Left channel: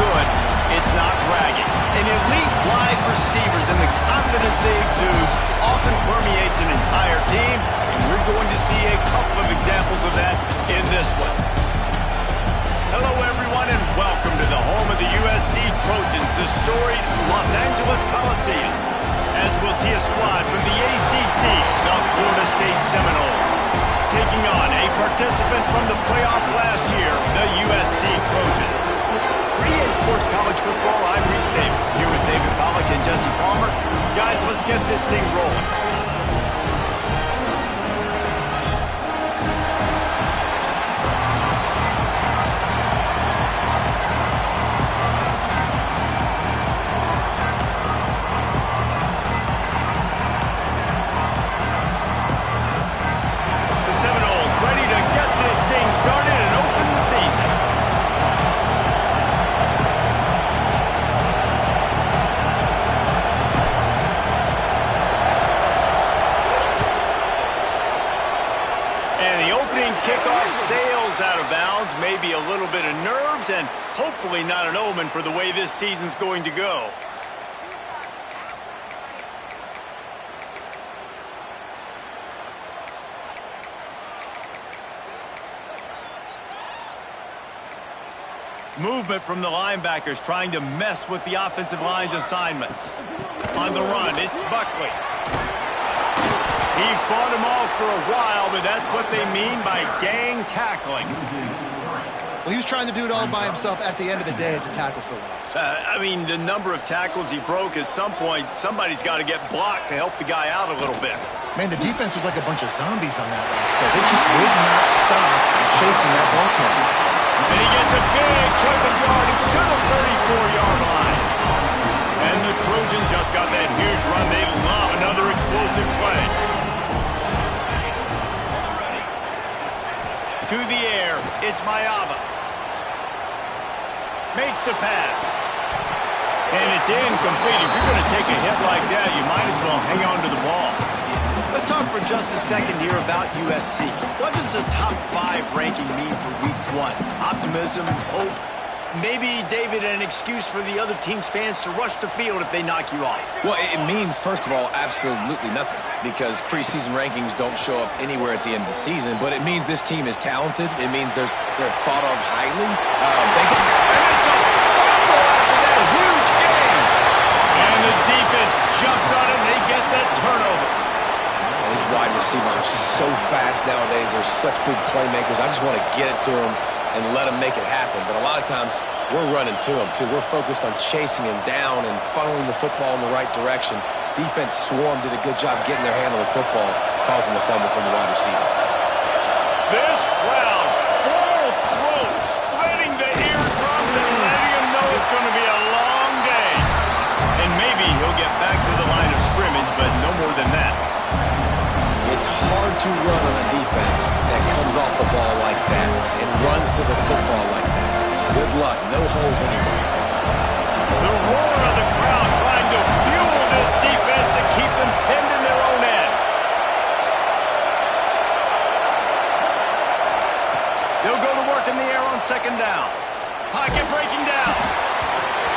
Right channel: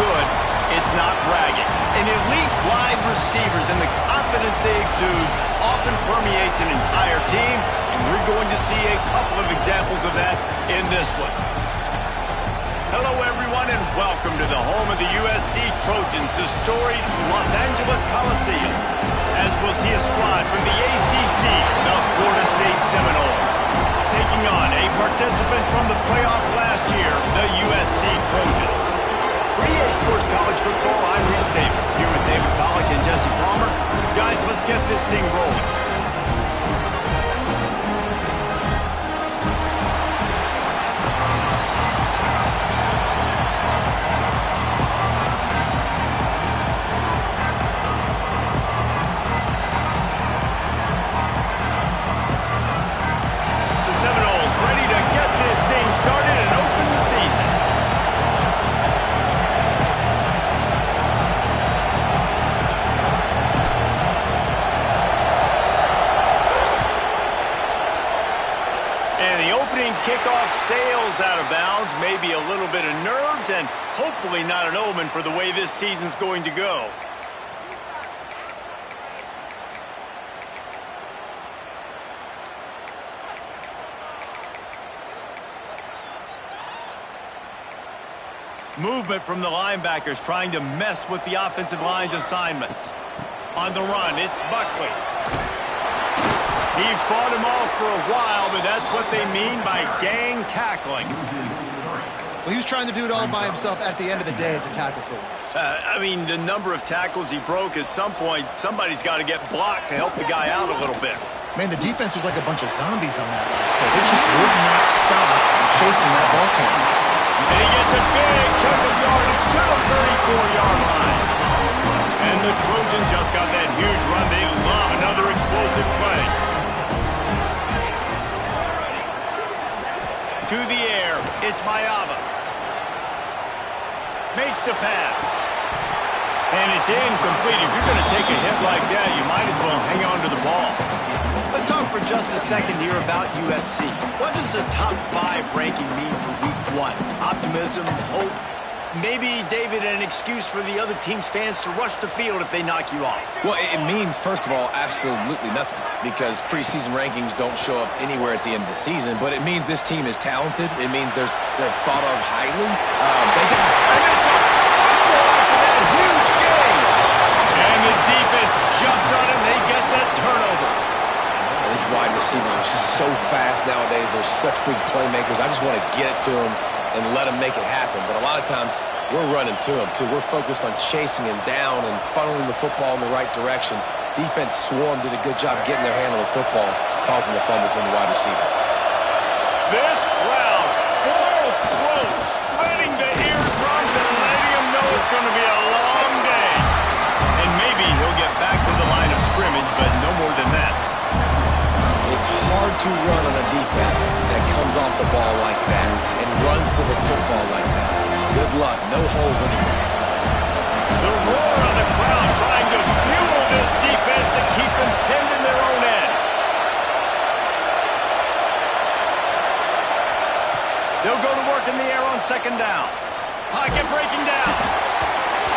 good, it's not bragging. And elite wide receivers and the confidence they exude often permeates an entire team, and we're going to see a couple of examples of that in this one. Hello, everyone, and welcome to the home of the USC Trojans, the storied Los Angeles Coliseum, as we'll see a squad from the ACC, the Florida State Seminoles, taking on a participant from the playoff last year, the USC Trojans. For EA Sports College Football, I'm Reese Davis, here with David Pollack and Jesse Palmer. Guys, let's get this thing rolling. The Seminoles ready to get this thing started and open the season. And the opening kickoff sails out of bounds. Maybe a little bit of nerves and hopefully not an omen for the way this season's going to go. Movement from the linebackers trying to mess with the offensive line's assignments. On the run, it's Buckley. He fought him off for a while, but that's what they mean by gang tackling. Well, he was trying to do it all by himself. At the end of the day, it's a tackle for loss. I mean, the number of tackles he broke, at some point, somebody's got to get blocked to help the guy out a little bit. Man, the defense was like a bunch of zombies on that last play. They just would not stop chasing that ball carrier. And he gets a big chunk of yardage to the 34-yard line. And the Trojans just got that huge run. They love another explosive play. To the air, it's Mayava. Makes the pass. And it's incomplete. If you're going to take a hit like that, you might as well hang on to the ball. Let's talk for just a second here about USC. What does a top 5 ranking mean for week 1? Optimism, hope, maybe, David, an excuse for the other team's fans to rush the field if they knock you off. Well, it means, first of all, absolutely nothing, because preseason rankings don't show up anywhere at the end of the season, but it means this team is talented. It means they're thought of highly. And it's a fumble after that huge gain. And the defense jumps on it, and they get that turnover. These wide receivers are so fast nowadays. They're such big playmakers. I just want to get it to them and let them make it happen. But a lot of times, we're running to them, too. We're focused on chasing him down and funneling the football in the right direction. Defense swarm did a good job getting their hand on the football, causing the fumble from the wide receiver. This crowd, full throat, splitting the eardrums and letting him know it's going to be a long day. And maybe he'll get back to the line of scrimmage, but no more than that. It's hard to run on a defense that comes off the ball like that and runs to the football like that. Good luck. No holes anywhere. The roar of the crowd trying to fuel this defense to keep them pinned in their own end. They'll go to work in the air on second down. Pocket breaking down.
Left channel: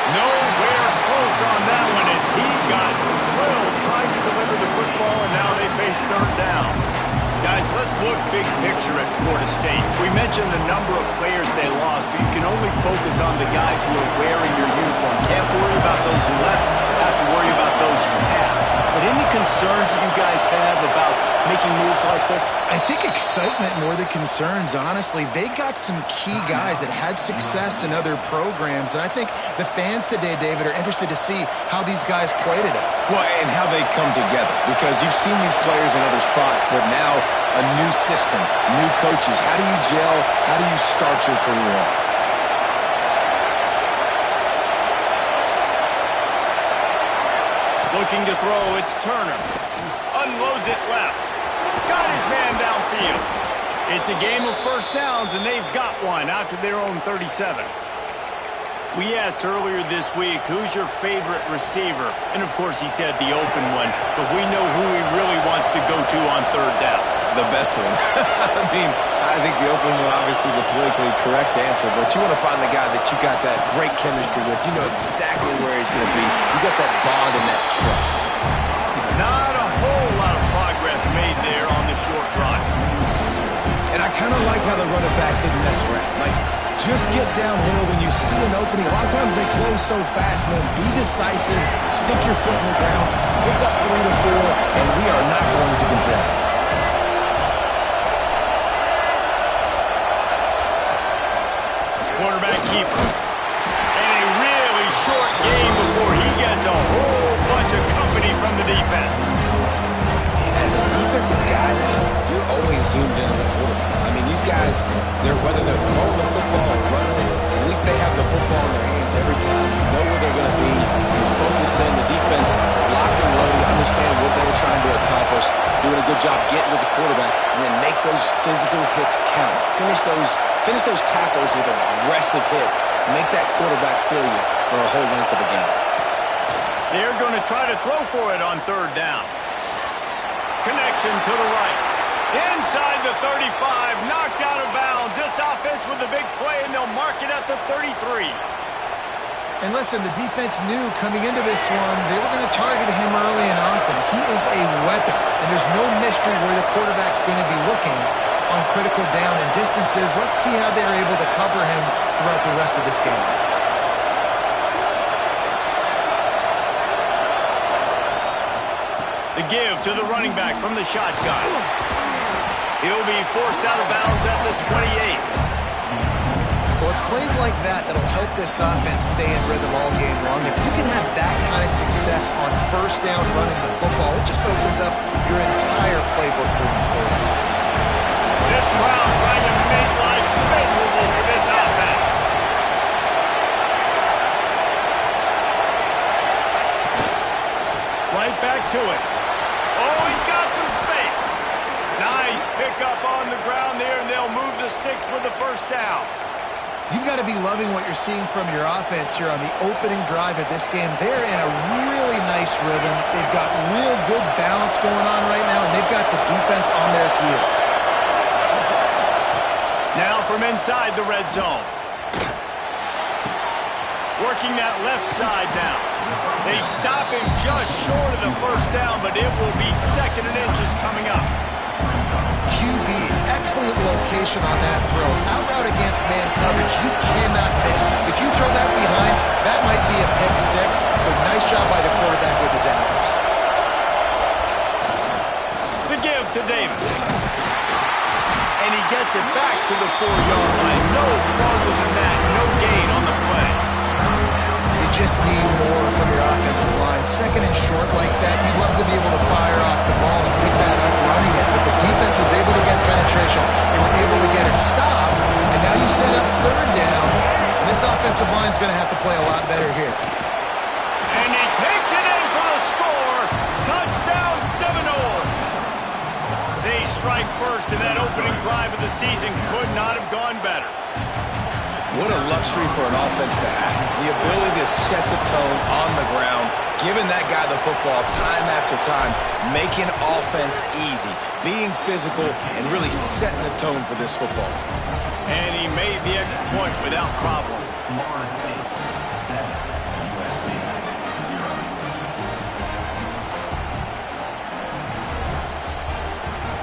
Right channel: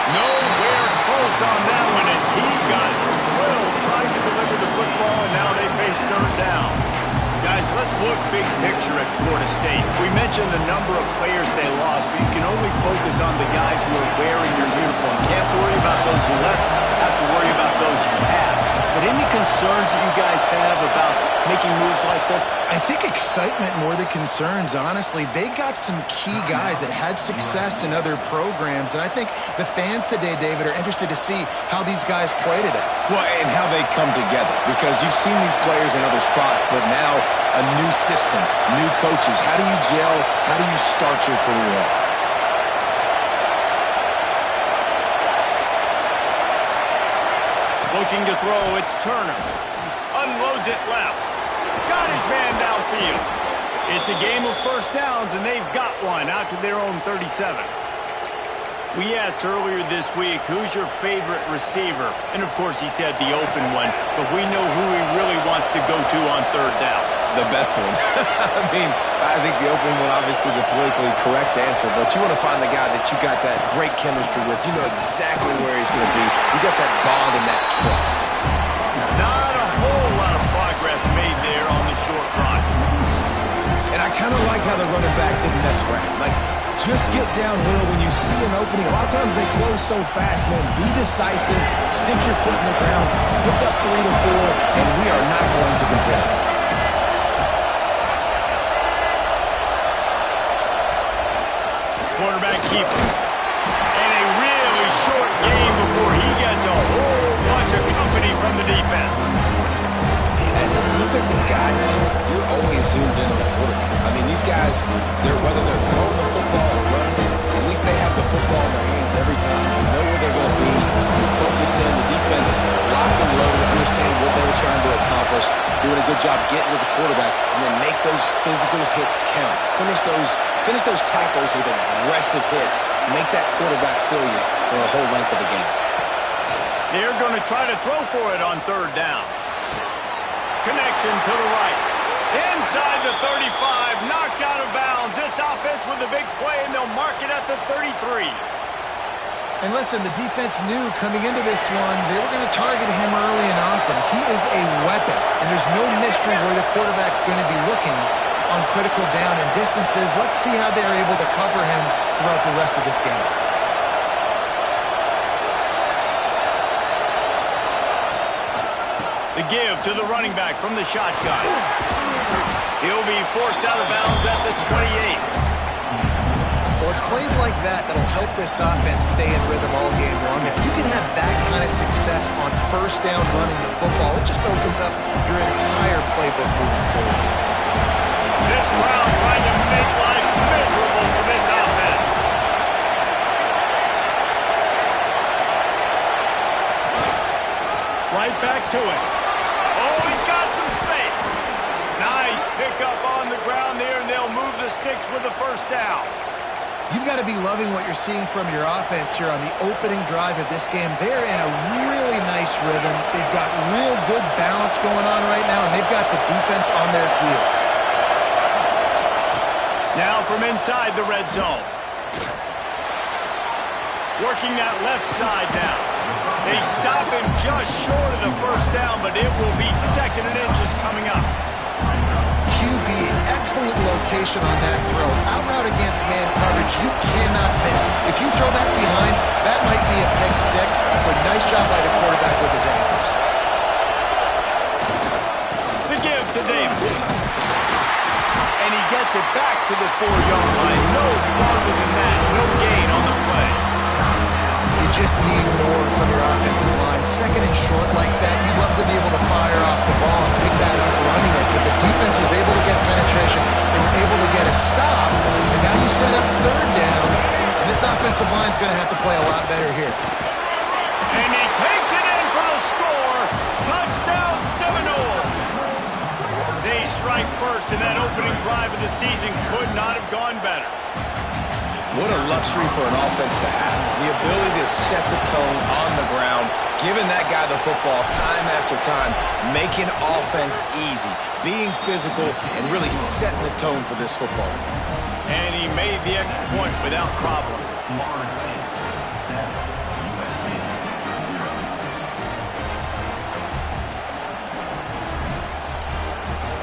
Nowhere close on that one as he got drilled trying to deliver the football, and now they face third down. Guys, let's look big picture at Florida State. We mentioned the number of players they lost, but you can only focus on the guys who are wearing your uniform. Can't worry about those who left, have to worry about those you have. But any concerns that you guys have about making moves like this? I think excitement more than concerns, honestly. They got some key guys that had success in other programs, and I think the fans today, David, are interested to see how these guys play today. Well, and how they come together, because you've seen these players in other spots, but now a new system, new coaches. How do you gel? How do you start your career off? Looking to throw, it's Turner. Unloads it left. Got his man downfield. It's a game of first downs, and they've got one out to their own 37. We asked earlier this week, who's your favorite receiver? And, of course, he said the open one, but we know who he really wants to go to on third down. The best one. I mean, I think the opening one, obviously the politically correct answer, but you want to find the guy that you got that great chemistry with. You know exactly where he's going to be. You got that bond and that trust. Not a whole lot of progress made there on the short run. And I kind of like how the running back didn't mess around. Like, just get downhill when you see an opening. A lot of times they close so fast, man. Be decisive, stick your foot in the ground, pick up 3 to 4, and we are not going to complain. Quarterback keeper. And a really short game before he gets a whole bunch of company from the defense. As a defensive guy now, you're always zoomed in on the quarterback. I mean, these guys, whether they're throwing the football or running it, at least they have the football in their hands every time. You know where they're going to be. You focus in. The defense locked and loaded, understand what they were trying to accomplish, doing a good job getting to the quarterback, and then make those physical hits count. Finish those tackles with aggressive hits. Make that quarterback feel you for a whole length of a game. They're going to try to throw for it on third down. Connection to the right. Inside the 35, knocked out of bounds. This offense with a big play, and they'll mark it at the 33. And listen, the defense knew coming into this one, they were going to target him early and often. He is a weapon, and there's no mystery where the quarterback's going to be looking on critical down and distances. Let's see how they're able to cover him throughout the rest of this game. The give to the running back from the shotgun. He'll be forced out of bounds at the 28. Well, it's plays like that that'll help this offense stay in rhythm all game long. If you can have that kind of success on first down running the football, it just opens up your entire playbook moving forward. This crowd trying to make life miserable for this offense. Right back to it. Oh, he's got some space. Nice pickup on the ground there, and they'll move the sticks with the first down. You've got to be loving what you're seeing from your offense here on the opening drive of this game. They're in a really nice rhythm. They've got real good balance going on right now, and they've got the defense on their heels. Now from inside the red zone. Working that left side now. They stop him just short of the first down, but it will be 2nd and inches coming up. QB, excellent location on that throw. Out route against man coverage, you cannot miss. If you throw that behind, that might be a pick 6. So nice job by the quarterback with his accuracy. The give to Davis. And he gets it back to the 4-yard line. No farther than that. No gain on the play. You just need more from your offensive line. 2nd and short like that, you'd love to be able to fire off the ball and pick that up running it. But the defense was able to get penetration. They were able to get a stop. And now you set up 3rd down. And this offensive line is going to have to play a lot better here. And he takes it in for the score. Touchdown Seminoles. They strike first, and that opening drive of the season could not have gone better. What a luxury for an offense to have. The ability to set the tone on the ground, giving that guy the football time after time, making offense easy, being physical, and really setting the tone for this football game. And he made the extra point without problem.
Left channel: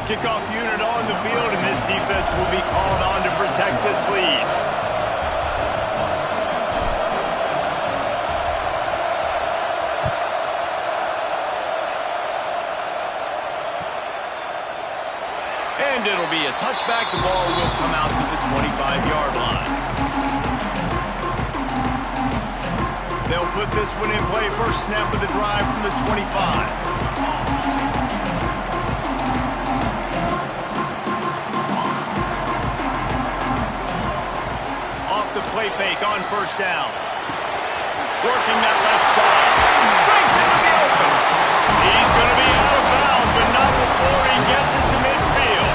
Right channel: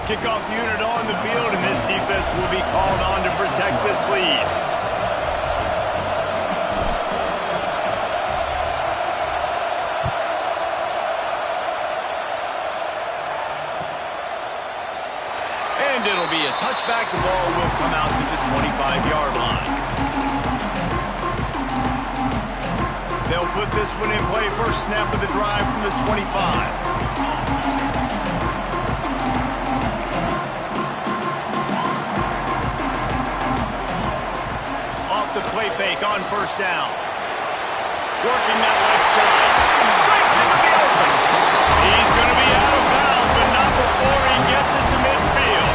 Kickoff unit on the field, and this defense will be called on to protect this lead. And it'll be a touchback. The ball will come out to the 25-yard line. They'll put this one in play. First snap of the drive from the 25. Off the play fake on first down. Working that left side. Breaks into the open. He's going to be out of bounds, but not before he gets it to midfield.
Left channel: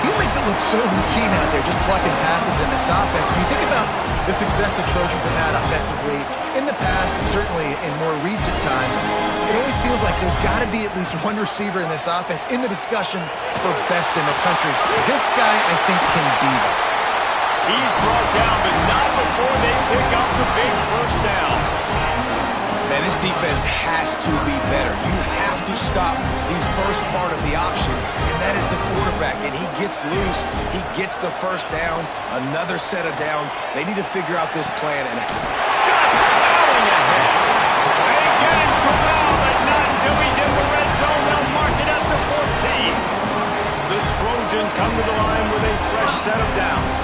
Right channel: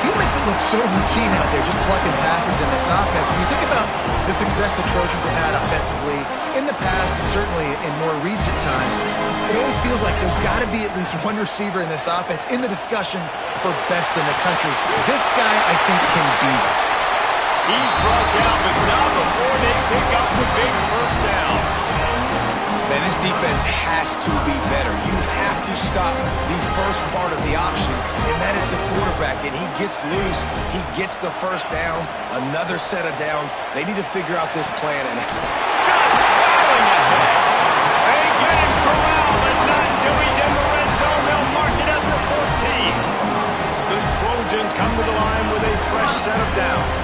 You makes it look so routine out there, just plucking passes in this offense. When you think about the success the Trojans have had offensively in the past and certainly in more recent times, it always feels like there's got to be at least one receiver in this offense in the discussion for best in the country. This guy, I think, can be that. He's brought down, but not before they pick up the big first down. Man, this defense has to be better. You have to stop the first part of the option, and that is the quarterback. And he gets loose. He gets the first down, another set of downs. They need to figure out this plan. And just plowing ahead. They get him corralled, but not until he's in the red zone. They'll mark it at the 14. The Trojans come to the line with a fresh set of downs.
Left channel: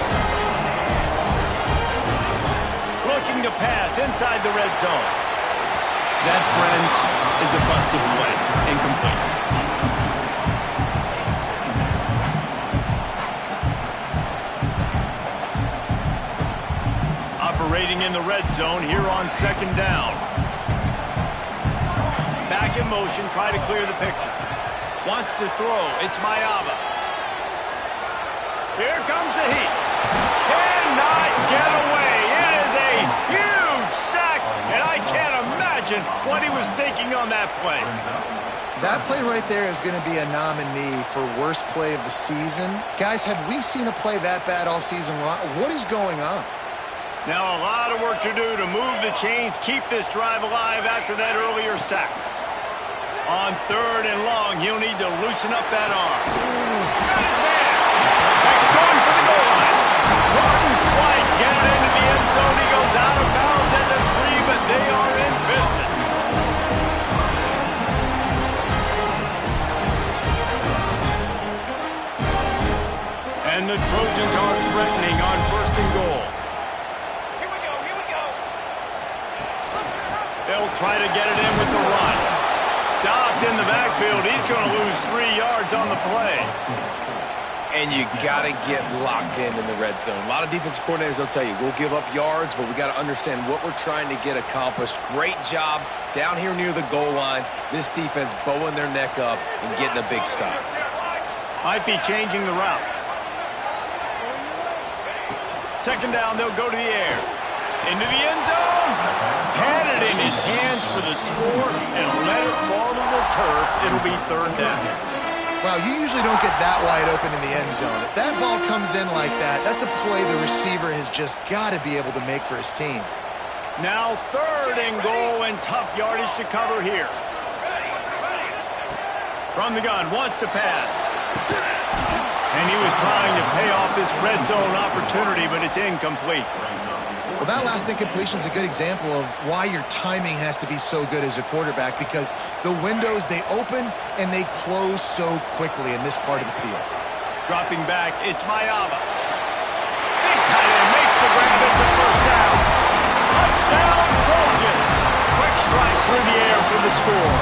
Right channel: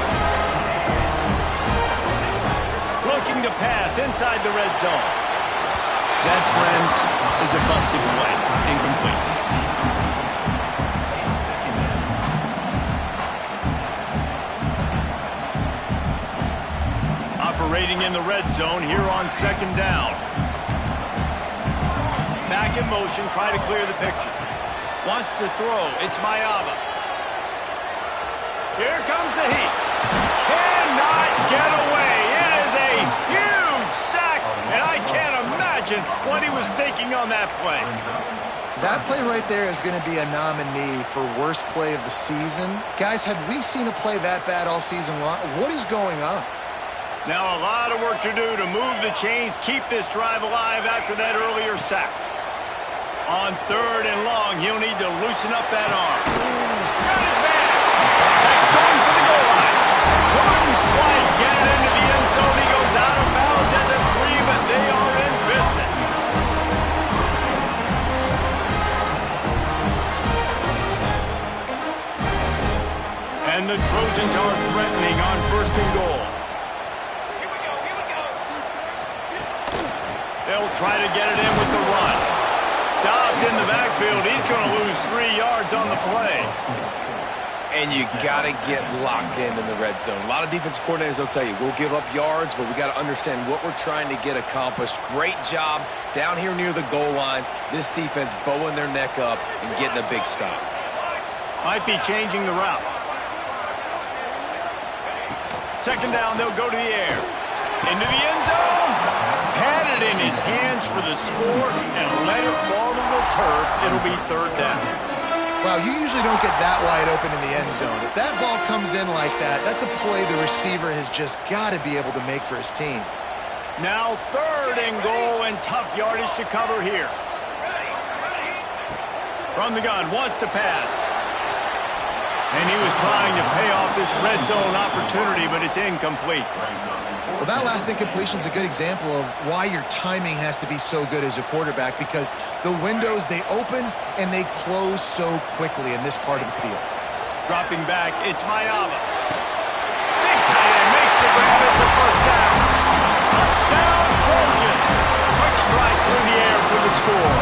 Looking to pass inside the red zone. That, friends, is a busted play. Incomplete. Operating in the red zone here on second down. Back in motion, try to clear the picture. Wants to throw. It's Mayava. Here comes the heat. Cannot get away. It is a huge sack, and I can't imagine what he was thinking on that play. That play right there is going to be a nominee for worst play of the season. Guys, have we seen a play that bad all season long? What is going on? Now a lot of work to do to move the chains, keep this drive alive after that earlier sack. On third and long, he'll need to loosen up that arm. Got his man. That's going for the goal line. Couldn't quite get it into the end zone. He goes out of bounds at the 3, but they are in business. And the Trojans are threatening on first and goal. Here we go, here we go. They'll try to get it in with the run. Stopped in the backfield. He's going to lose 3 yards on the play. And you got to get locked in the red zone. A lot of defensive coordinators, they'll tell you, we'll give up yards, but we got to understand what we're trying to get accomplished. Great job down here near the goal line. This defense bowing their neck up and getting a big stop. Might be changing the route. Second down, they'll go to the air. Into the end zone. Had it in his hands for the score and let it fall to the turf. It'll be third down. Wow, you usually don't get that wide open in the end zone. If that ball comes in like that, that's a play the receiver has just got to be able to make for his team. Now third and goal and tough yardage to cover here. From the gun, wants to pass. And he was trying to pay off this red zone opportunity, but it's incomplete. Well, that last incompletion is a good example of why your timing has to be so good as a quarterback, because the windows, they open and they close so quickly in this part of the field. Dropping back, it's Mayava. Big tight end makes the grab. It's a first down. Touchdown, Trojan. Quick strike through the air for the score.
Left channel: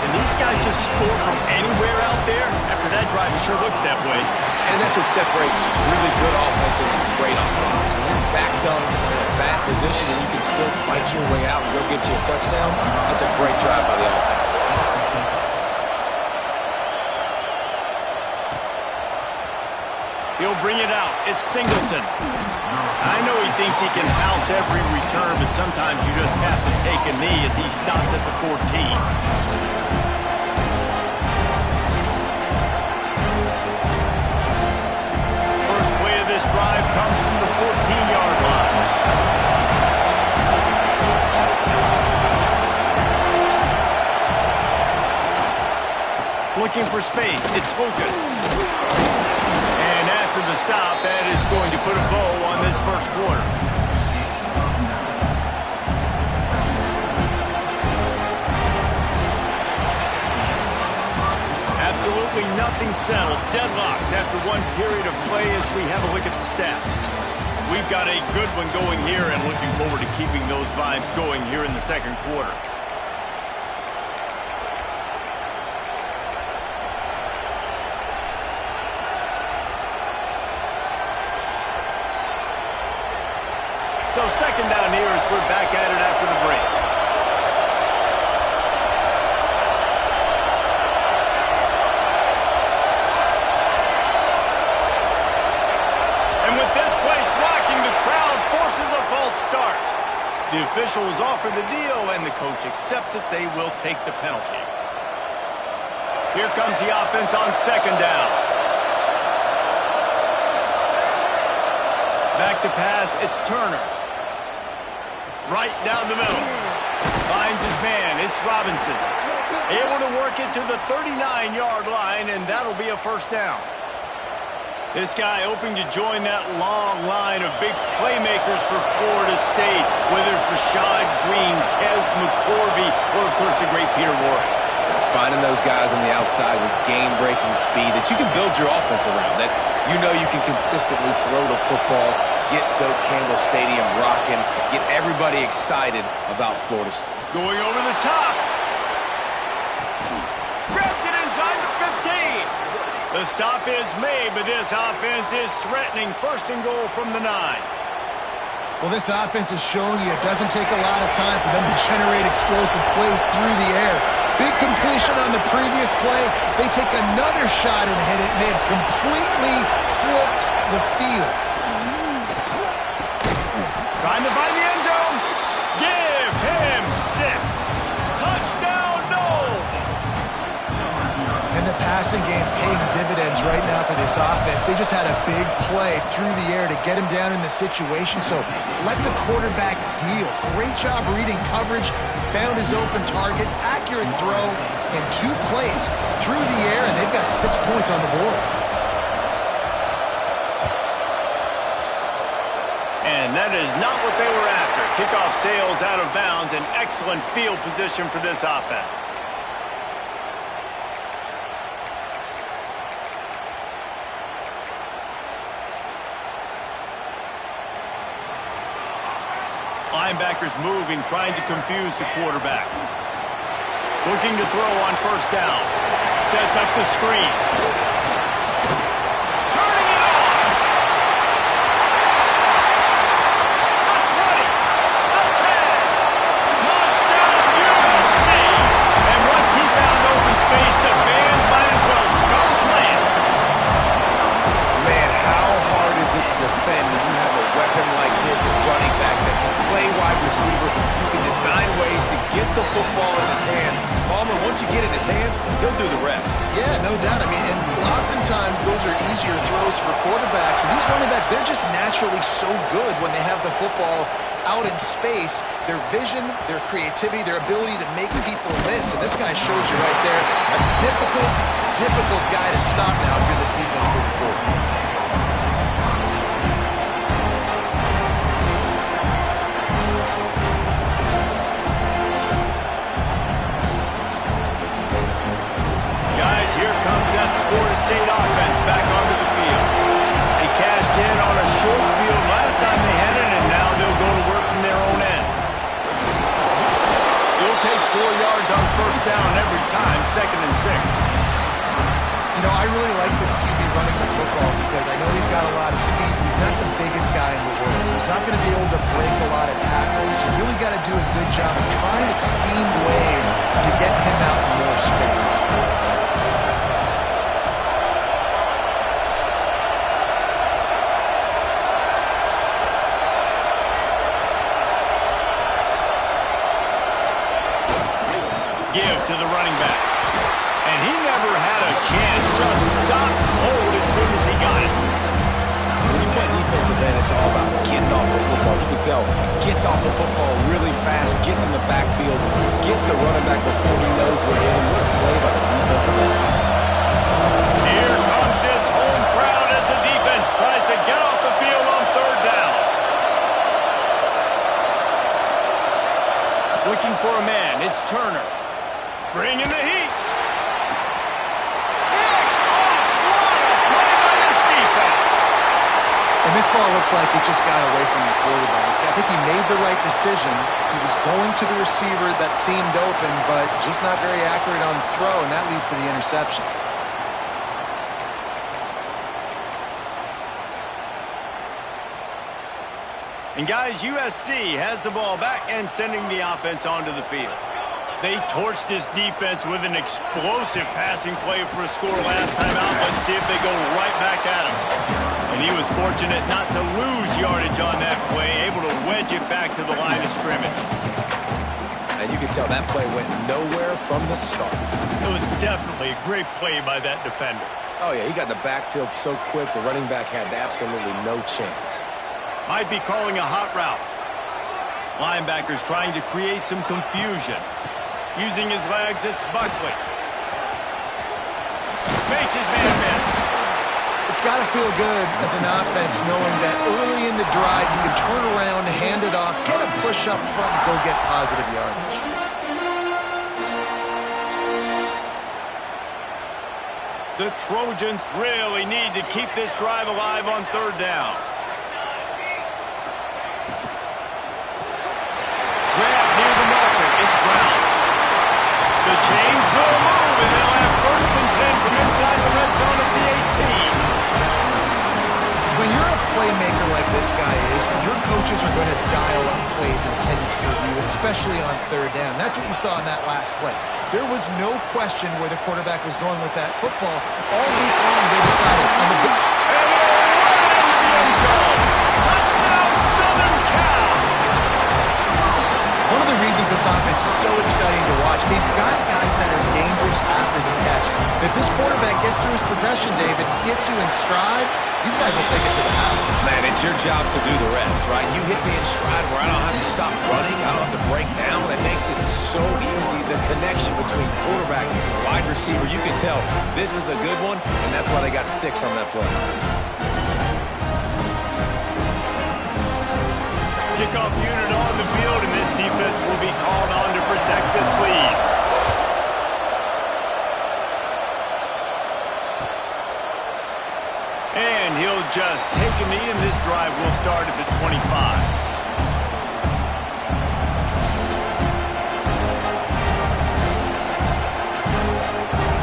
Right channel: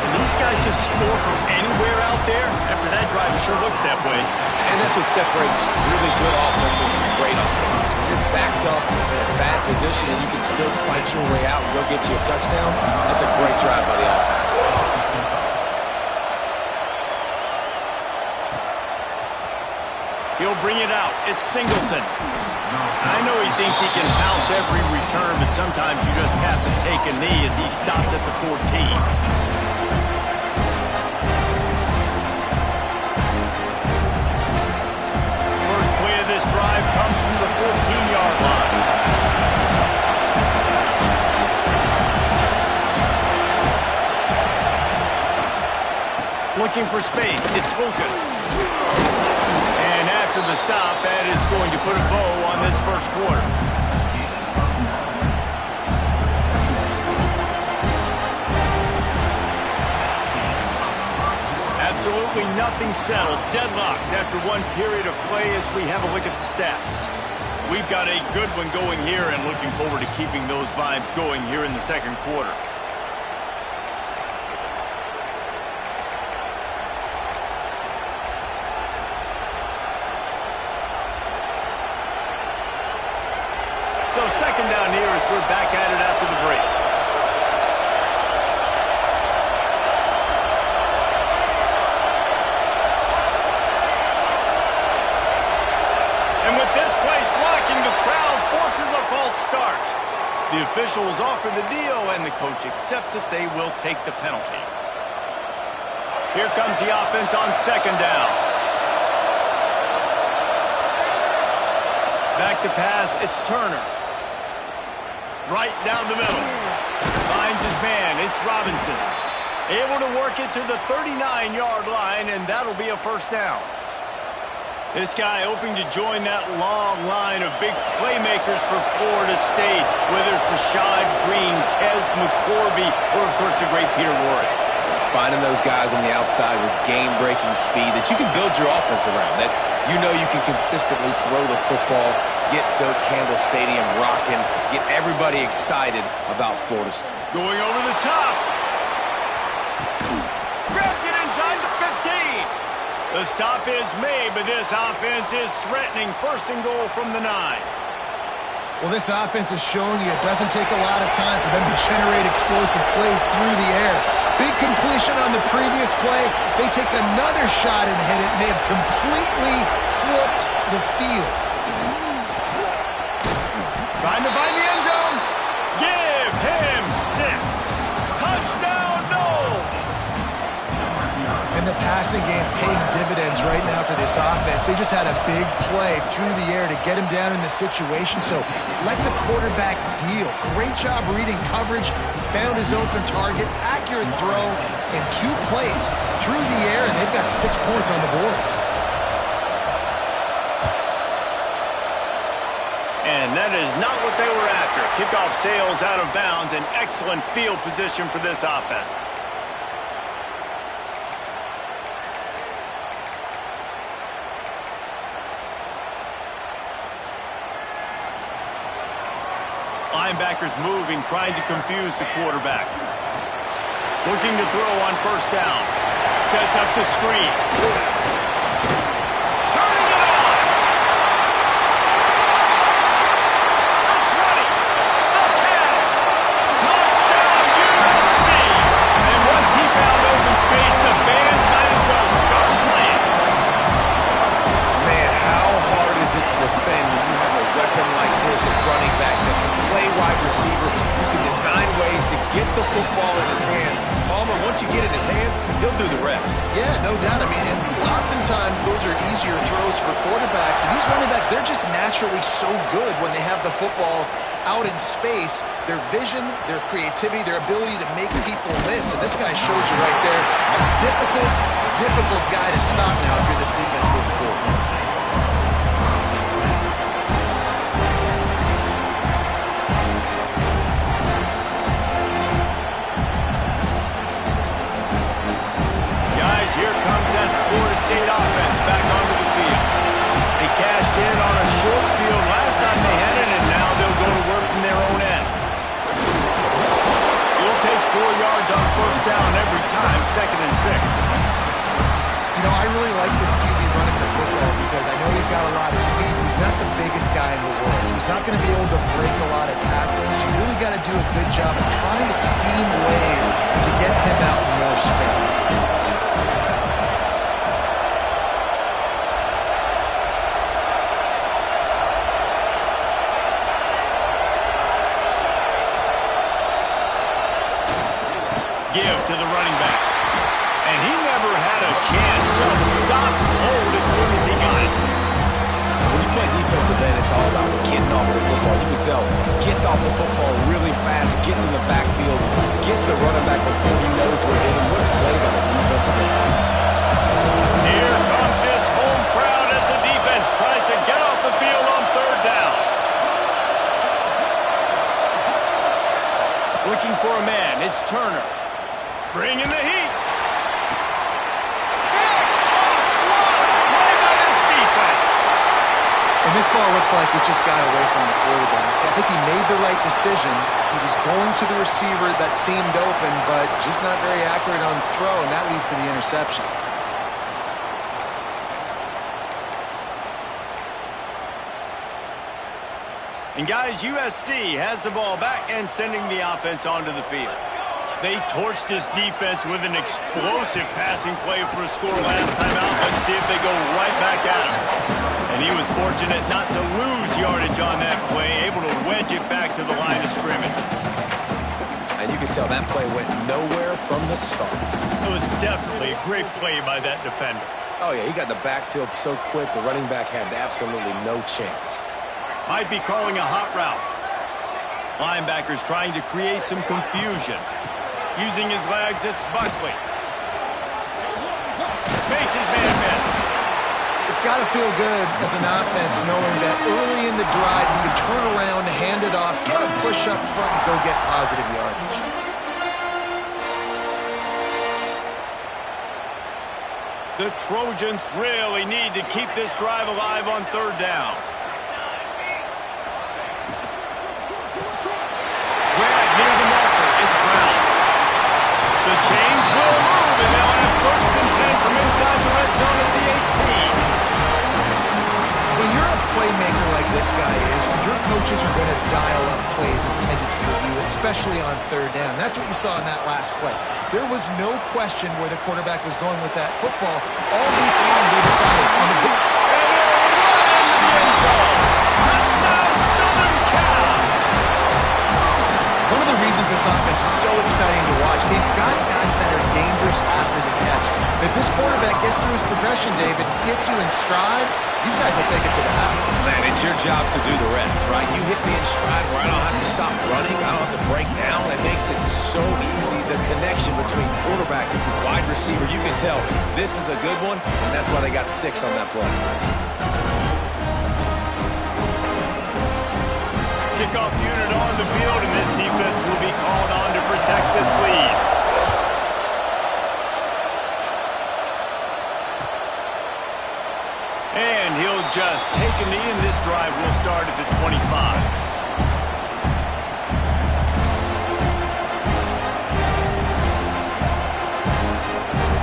And these guys just score from anywhere out there. After that drive, it sure looks that way. And that's what separates really good offenses from great offenses. When you're backed up in a bad position and you can still fight your way out and go get you a touchdown, that's a great drive by the offense. He'll bring it out. It's Singleton. I know he thinks he can house every return, but sometimes you just have to take a knee as he stopped at the 14. This drive comes from the 14-yard line. Looking for space, it's Lucas. And after the stop, that is going to put a bow on this first quarter. Absolutely nothing settled. Deadlocked after one period of play as we have a look at the stats. We've got a good one going here and looking forward to keeping those vibes going here in the second quarter. So second down here as we're back at it after the break. The officials offer the deal, and the coach accepts it. They will take the penalty. Here comes the offense on second down. Back to pass, it's Turner. Right down the middle. Finds his man, it's Robinson. Able to work it to the 39-yard line, and that'll be a first down. This guy hoping to join that long line of big playmakers for Florida State, whether it's Rashad Green, Kez McCorvey, or, of course, the great Peter Warrick. Finding those guys on the outside with game-breaking speed that you can build your offense around, that you know you can consistently throw the football, get Doak Campbell Stadium rocking, get everybody excited about Florida State. Going over the top. Grabs it inside the 15. The stop is made, but this offense is threatening. First and goal from the 9. Well, this offense has shown you it doesn't take a lot of time for them to generate explosive plays through the air. Big completion on the previous play. They take another shot and hit it, and they've completely flipped the field. Trying to find the end zone. Give him 6. Touchdown, Noles. And the passing game paying dividends right now for this offense. They just had a big play through the air to get him down in the situation. So let the quarterback deal. Great job reading coverage. He found his open target. Accurate throw in 2 plays through the air, and they've got 6 points on the board. And that is not what they were after. Kickoff sails out of bounds. An excellent field position for this offense. Linebackers moving, trying to confuse the quarterback. Looking to throw on first down. Sets up the screen. Turning it on. The 20. The 10. Touchdown USC. And once he found open space, the band might as well start playing. Man, how hard is it to defend when you have a weapon like this at running back that can play wide receiver, who can design ways to get the football in his hand? Palmer, once you get it in his hands, he'll do the rest. Yeah, no doubt. I mean, and oftentimes those are easier throws for quarterbacks. And these running backs, they're just naturally so good when they have the football out in space. Their vision, their creativity, their ability to make people miss. And this guy shows you right there a difficult guy to stop now if you're this defense moving forward. Here comes that Florida State offense back onto the field. They cashed in on a short field last time they had it, and now they'll go to work from their own end. You'll take 4 yards on first down every time, 2nd and 6. You know, I really like this QB running the football because I know he's got a lot of speed, but he's not the biggest guy in the world. So he's not going to be able to break a lot of tackles. You really got to do a good job of trying to scheme ways to get him out in more space. Give to the running back. And he never had a chance. Just stopped cold as soon as he got it. When you play defensive end, it's all about getting off the football. You can tell, gets off the football really fast, gets in the backfield, gets the running back before he knows where to hit him. What a play by the defensive end. Here comes this home crowd as the defense tries to get off the field on third down. Looking for a man, it's Turner. Bringing the heat. Pick off. What a play by this defense. And this ball looks like it just got away from the quarterback. I think he made the right decision. He was going to the receiver that seemed open, but just not very accurate on the throw, and that leads to the interception. And guys, USC has the ball back and sending the offense onto the field. They torched this defense with an explosive passing play for a score last time out. Let's see if they go right back at him. And he was fortunate not to lose yardage on that play, able to wedge it back to the line of scrimmage. And you can tell that play went nowhere from the start. It was definitely a great play by that defender. Oh, yeah, he got in the backfield so quick, the running back had absolutely no chance. Might be calling a hot route. Linebackers trying to create some confusion. Using his legs, it's Buckley. Makes his man miss. It's got to feel good as an offense knowing that early in the drive you can turn around, hand it off, get a push up front, and go get positive yardage. The Trojans really need to keep this drive alive on third down. Grab near the marker. It's Brown. The change will move, and they'll have 1st and 10 from inside the red zone at the 18. When you're a playmaker like this guy is, your coaches are going to dial up plays intended for you, especially on third down. That's what you saw in that last play. There was no question where the quarterback was going with that football. All week long, they decided on the big... And he'll run into the end zone. Touchdown, Southern Cal! One of the reasons this offense is so exciting to watch, they've got guys that are dangerous after the catch. If this quarterback gets through his progression, David, hits you in stride, these guys will take it to the house. Man, it's your job to do the rest, right? You hit me in stride where I don't have to stop running. I don't have to break down. It makes it so easy. The connection between quarterback and wide receiver, you can tell this is a good one, and that's why they got 6 on that play. Kickoff unit on the field, and this defense will be called on to protect this lead. And he'll just take a knee, and this drive will start at the 25.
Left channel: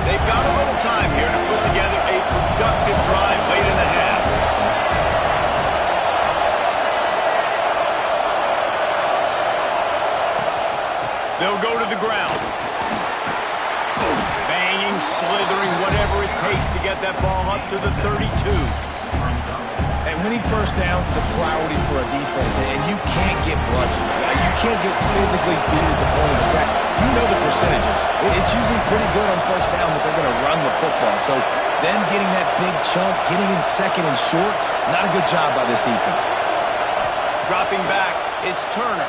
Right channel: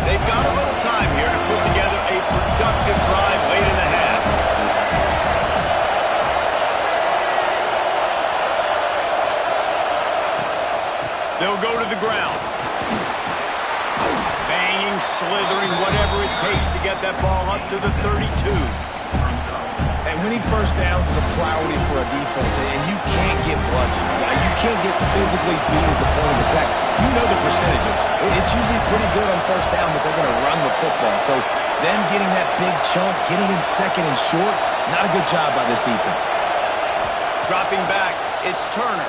They've got a little time here to put together a productive drive late in the half. They'll go to the ground. Banging, slithering, whatever it takes to get that ball up to the 32. And winning first downs is a priority for a defense, and you can't get bludgeoned. You can't get physically beat at the point of attack. You know the percentages. It's usually pretty good on first down that they're going to run the football. So them getting that big chunk, getting in second and short, not a good job by this defense. Dropping back, it's Turner.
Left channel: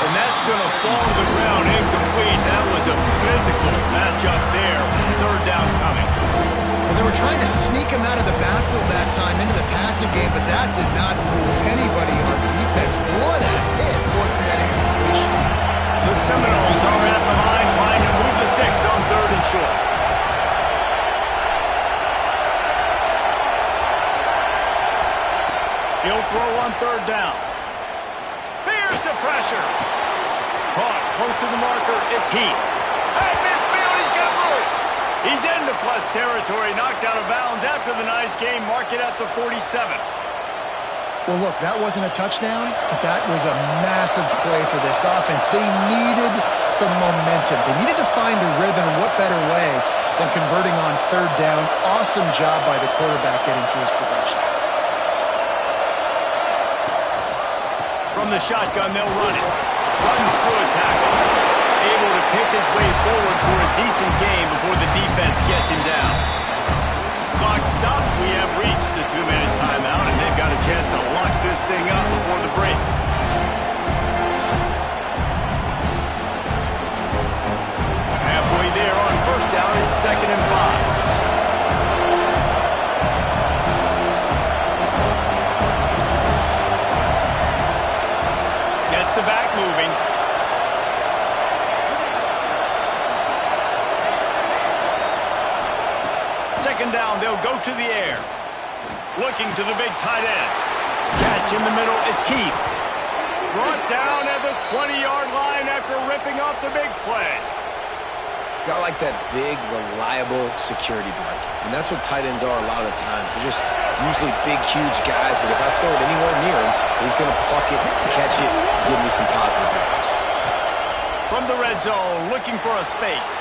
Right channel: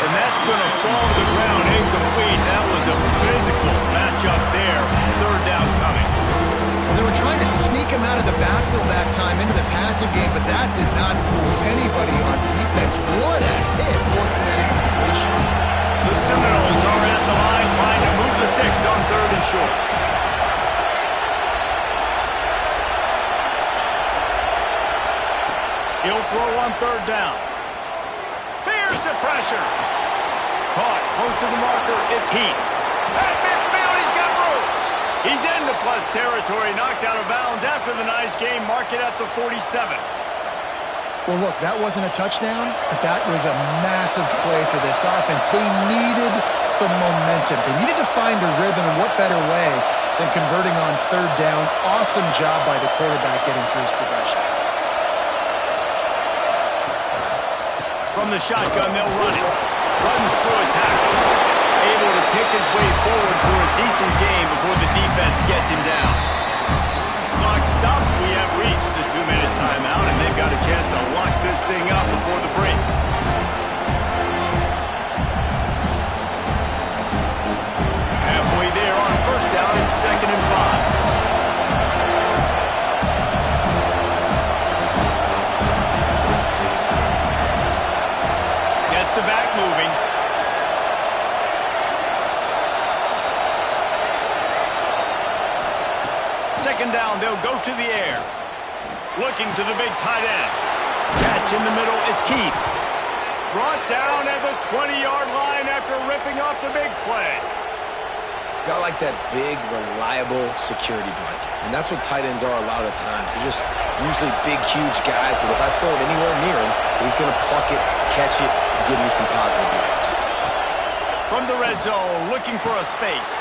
And that's going to fall to the ground incomplete. That was a physical matchup there. Third down coming. Well, they were trying to sneak him out of the backfield that time into the passing game, but that did not fool anybody on defense. What a hit, forcing that incompletion. The Seminoles are at the line trying to move the sticks on 3rd and short. He'll throw on 3rd down. Here's the pressure. Caught close to the marker. It's Heath. At midfield, he's got room. He's into plus territory, knocked out of bounds after the nice game. Mark it at the 47. Well, look, that wasn't a touchdown, but that was a massive play for this offense. They needed some momentum. They needed to find a rhythm, and what better way than converting on 3rd down. Awesome job by the quarterback getting through his progression. From the shotgun, they'll run it. Runs through a tackle. Able to pick his way forward for a decent game before the defense gets him down. Clock stopped. We have reached the 2-minute timeout, and they've got a chance to lock this thing up before the break. Halfway there on 1st down, it's 2nd and 5. Gets the back moving. Second down, they'll go to the air. Looking to the big tight end. Catch in the middle, it's Keith. Brought down at the 20-yard line after ripping off the big play. Got like that big, reliable security blanket. And that's what tight ends are a lot of the times. They're just usually big, huge guys that if I throw it anywhere near him, he's going to pluck it, catch it, and give me some positive yards. From the red zone, looking for a space.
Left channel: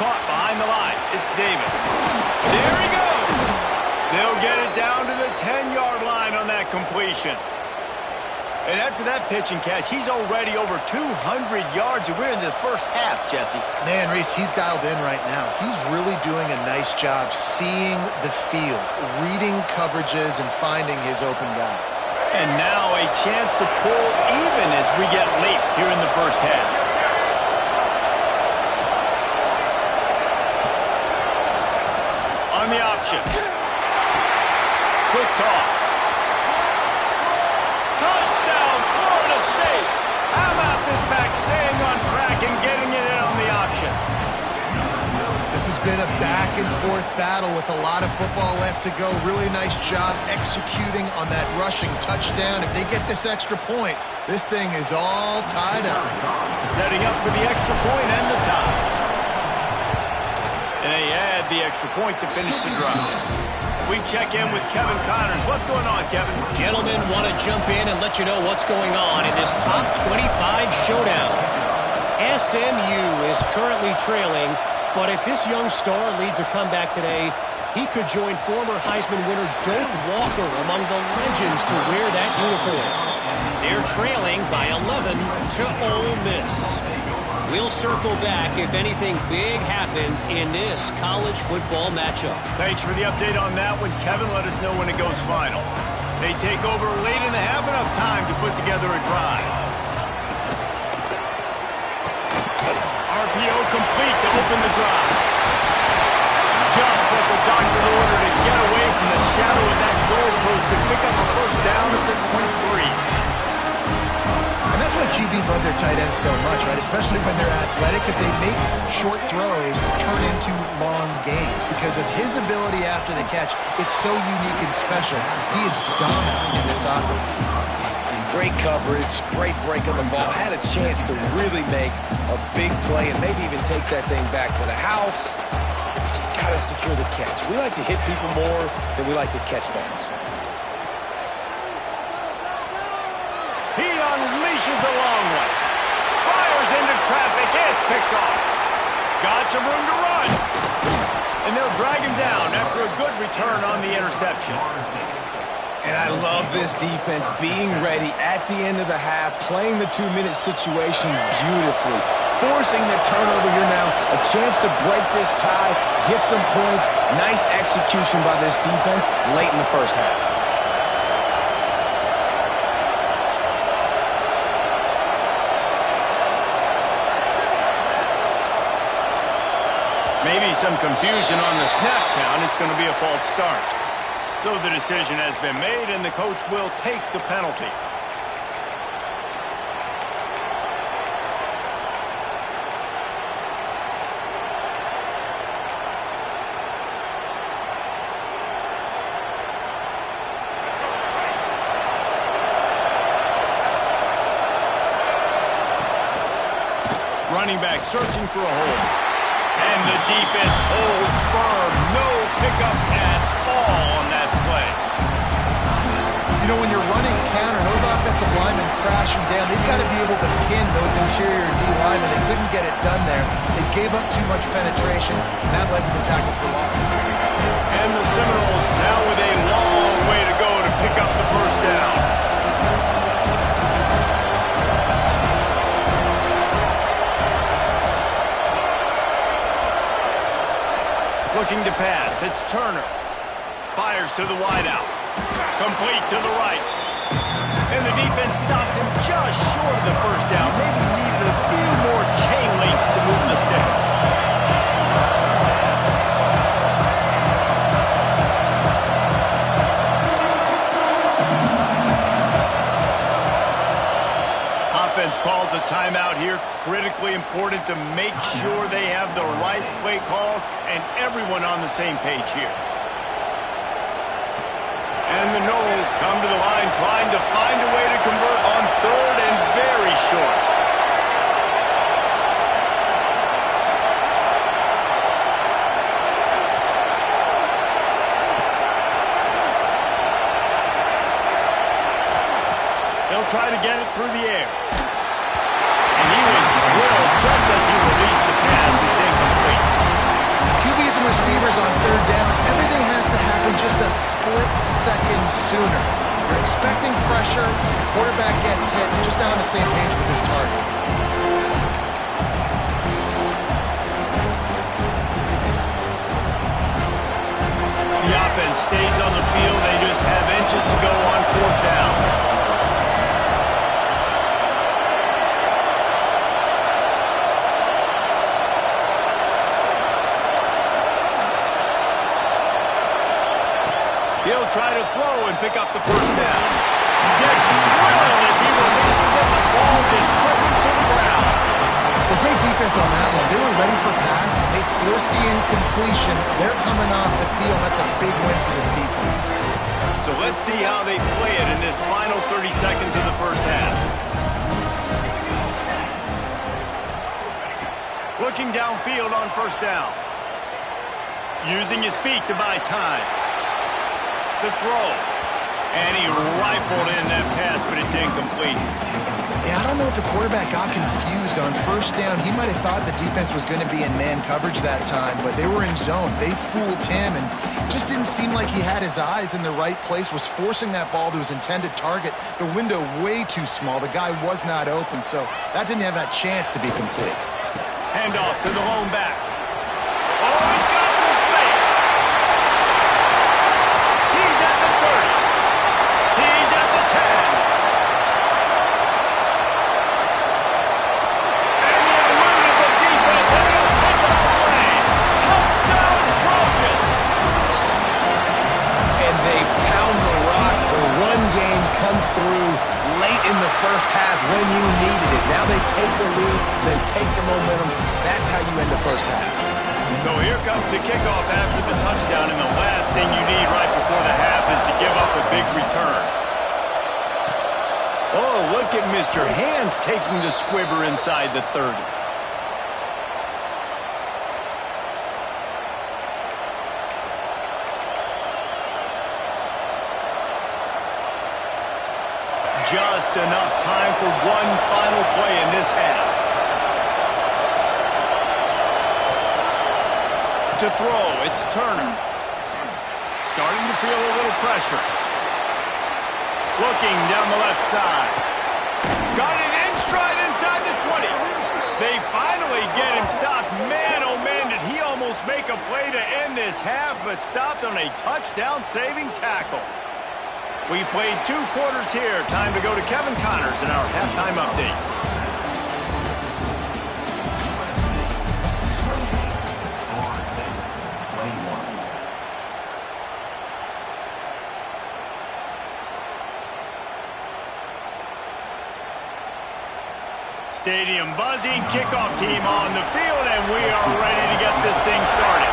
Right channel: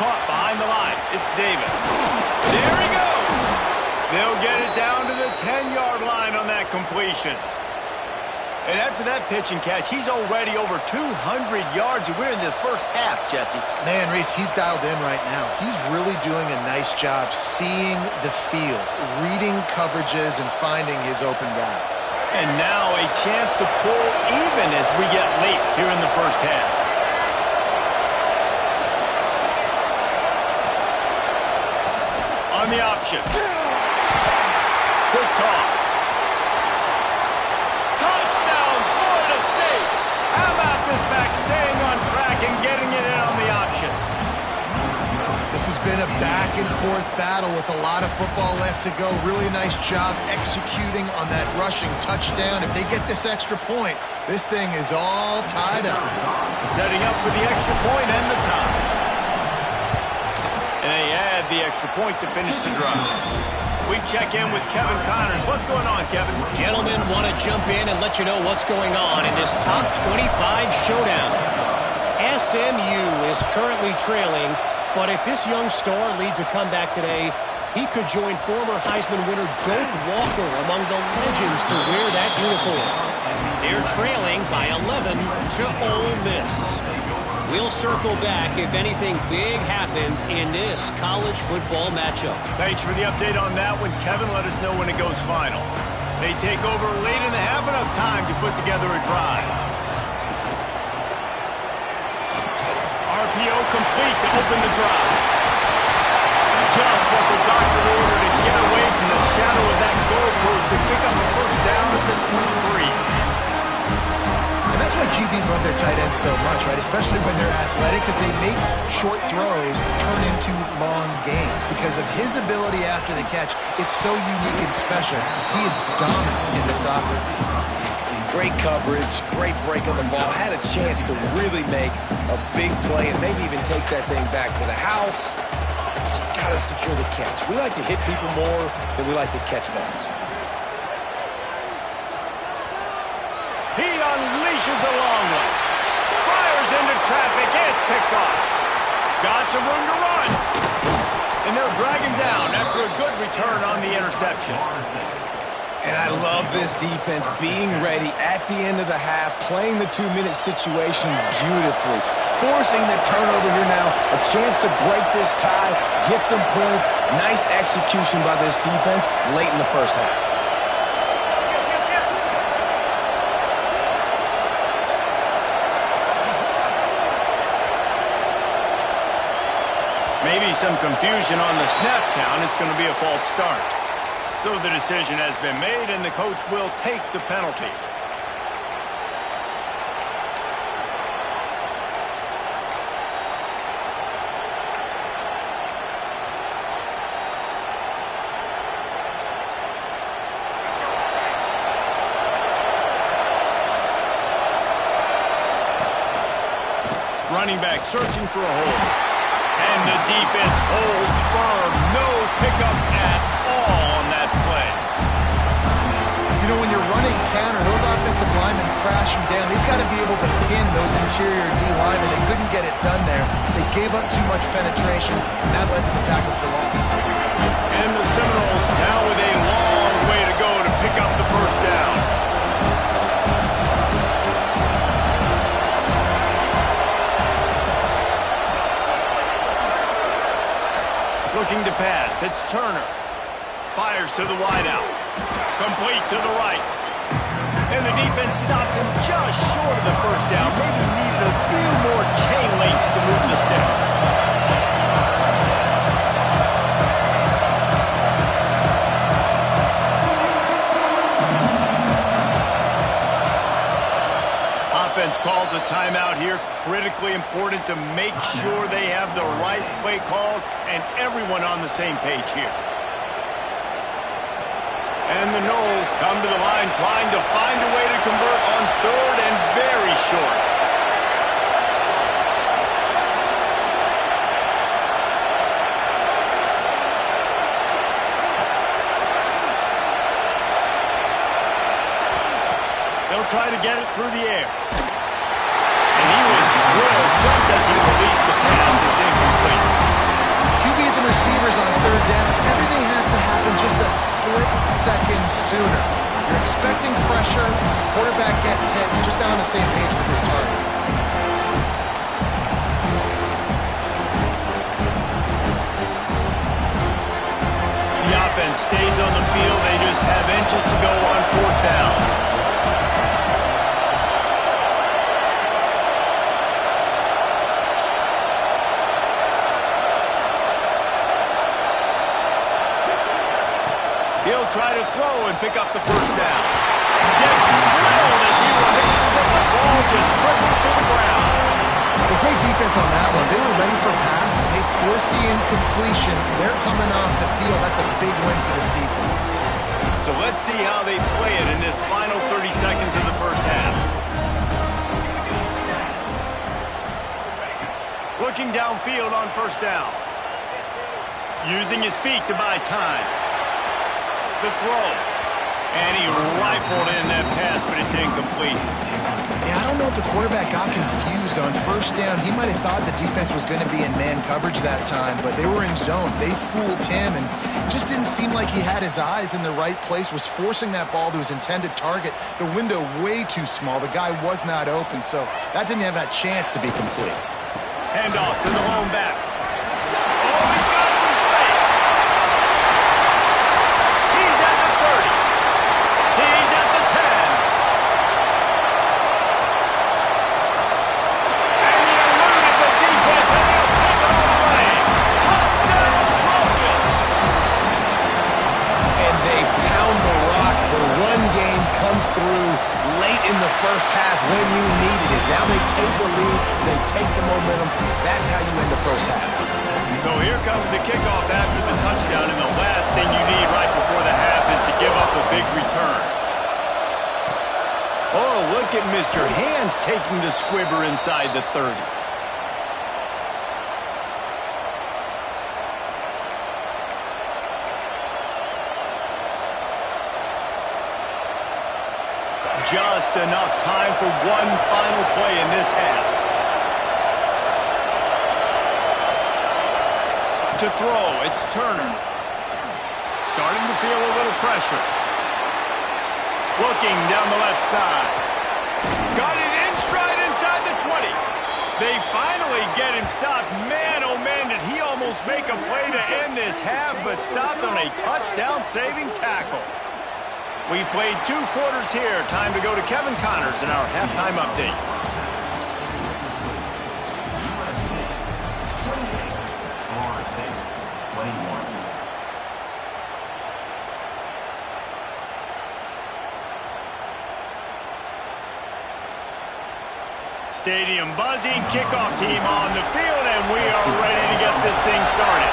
Caught behind the line. It's Davis. There he goes. They'll get it down to the 10-yard line on that completion. And after that pitch and catch, he's already over 200 yards, and we're in the first half, Jesse. Man, Reese, he's dialed in right now. He's really doing a nice job seeing the field, reading coverages, and finding his open guy. And now a chance to pull even as we get late here in the first half. On the option. Quick toss. Touchdown, Florida State. How about this back staying on track and getting it in on the option? This has been a back-and-forth battle with a lot of football left to go. Really nice job executing on that rushing touchdown. If they get this extra point, this thing is all tied up. Setting up for the extra point and the tie. And they add the extra point to finish the drive. We check in with Kevin Connors. What's going on, Kevin? Gentlemen, want to jump in and let you know what's going on in this top 25 showdown. SMU is currently trailing, but if this young star leads a comeback today, he could join former Heisman winner Doak Walker among the legends to wear that uniform. They're trailing by 11 to Ole Miss. We'll circle back if anything big happens in this college football matchup. Thanks for the update on that one, Kevin. Let us know when it goes final. They take over late in the half, enough time to put together a drive. RPO complete to open the drive. Just what the doctor ordered to get away from the shadow of that goalpost to pick up a first down at the 23. And that's why QBs love their tight ends so much, right? Especially when they're athletic, because they make short throws turn into long gains. Because of his ability after the catch, it's so unique and special. He is dominant in this offense. Great coverage, great break on the ball. Had a chance to really make a big play and maybe even take that thing back to the house. But you got to secure the catch. We like to hit people more than we like to catch balls. He unleashes a long one. Fires into traffic. It's picked off. Got some room to run. And they'll drag him down after a good return on the interception. And I love this defense being ready at the end of the half, playing the 2-minute situation beautifully, forcing the turnover here now, a chance to break this tie, get some points. Nice execution by this defense late in the first half. Maybe some confusion on the snap count. It's going to be a false start. So the decision has been made, and the coach will take the penalty. Running back searching for a hole. And the defense holds firm. No pickup at all on that play. You know, when you're running counter, those offensive linemen crashing down, they've got to be able to pin those interior D linemen. They couldn't get it done there. They gave up too much penetration, and that led to the tackle for loss. And the Seminoles now with a long way to go to pick up the first down. Looking to pass. It's Turner. Fires to the wideout. Complete to the right. And the defense stops him just short of the first down. Maybe needed a few more chain links to move the sticks. Offense calls a timeout here. Critically important to make sure they have the right play called and everyone on the same page here. And the Noles come to the line trying to find a way to convert on third and very short. They'll try to get it through the air. And he was drilled just as he released the pass. It's incomplete. QBs and receivers on third down, everything has to happen just a split second sooner. You're expecting pressure, the quarterback gets hit, just not on the same page with his target. The offense stays on the field. They just have inches to go on fourth down. He'll try to throw and pick up the first down. Gets drilled as he releases it. The ball just trickles to the ground. Well, great defense on that one. They were ready for pass, and they forced the incompletion. They're coming off the field. That's a big win for this defense. So let's see how they play it in this final 30 seconds of the first half. Looking downfield on first down. Using his feet to buy time. The throw. And he rifled in that pass, but it's incomplete. Yeah, I don't know if the quarterback got confused on first down. He might have thought the defense was going to be in man coverage that time, but they were in zone. They fooled him, and just didn't seem like he had his eyes in the right place, was forcing that ball to his intended target. The window way too small. The guy was not open, so that didn't have that chance to be complete. Handoff to the lone back. Oh, he's got some space. He's at the 30. He's at the 10. And he eluded the defense, and he'll take it all away. Touchdown, Trojans. And they pound the rock. The run game comes through late in the first half when you needed it. Now they take the lead. They take the momentum. That's how you end the first half. So here comes the kickoff after the touchdown, and the last thing you need right before the half is to give up a big return. Oh, look at Mr. Hands taking the squibber inside the 30. Just enough time for one final play in this half. To throw, it's Turner. Starting to feel a little pressure. Looking down the left side. Got it in stride inside the 20. They finally get him stopped. Man, oh man, did he almost make a play to end this half, but stopped on a touchdown-saving tackle. We've played 2 quarters here. Time to go to Kevin Connors in our halftime update. Stadium buzzing, kickoff team on the field, and we are ready to get this thing started.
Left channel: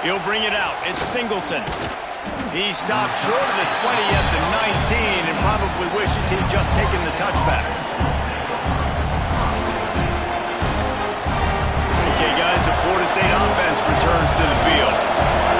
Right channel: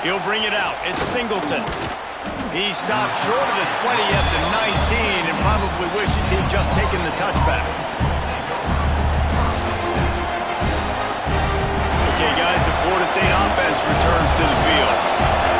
He'll bring it out. It's Singleton. He stopped short of the 20 at the 19 and probably wishes he'd just taken the touchback. Okay, guys, the Florida State offense returns to the field.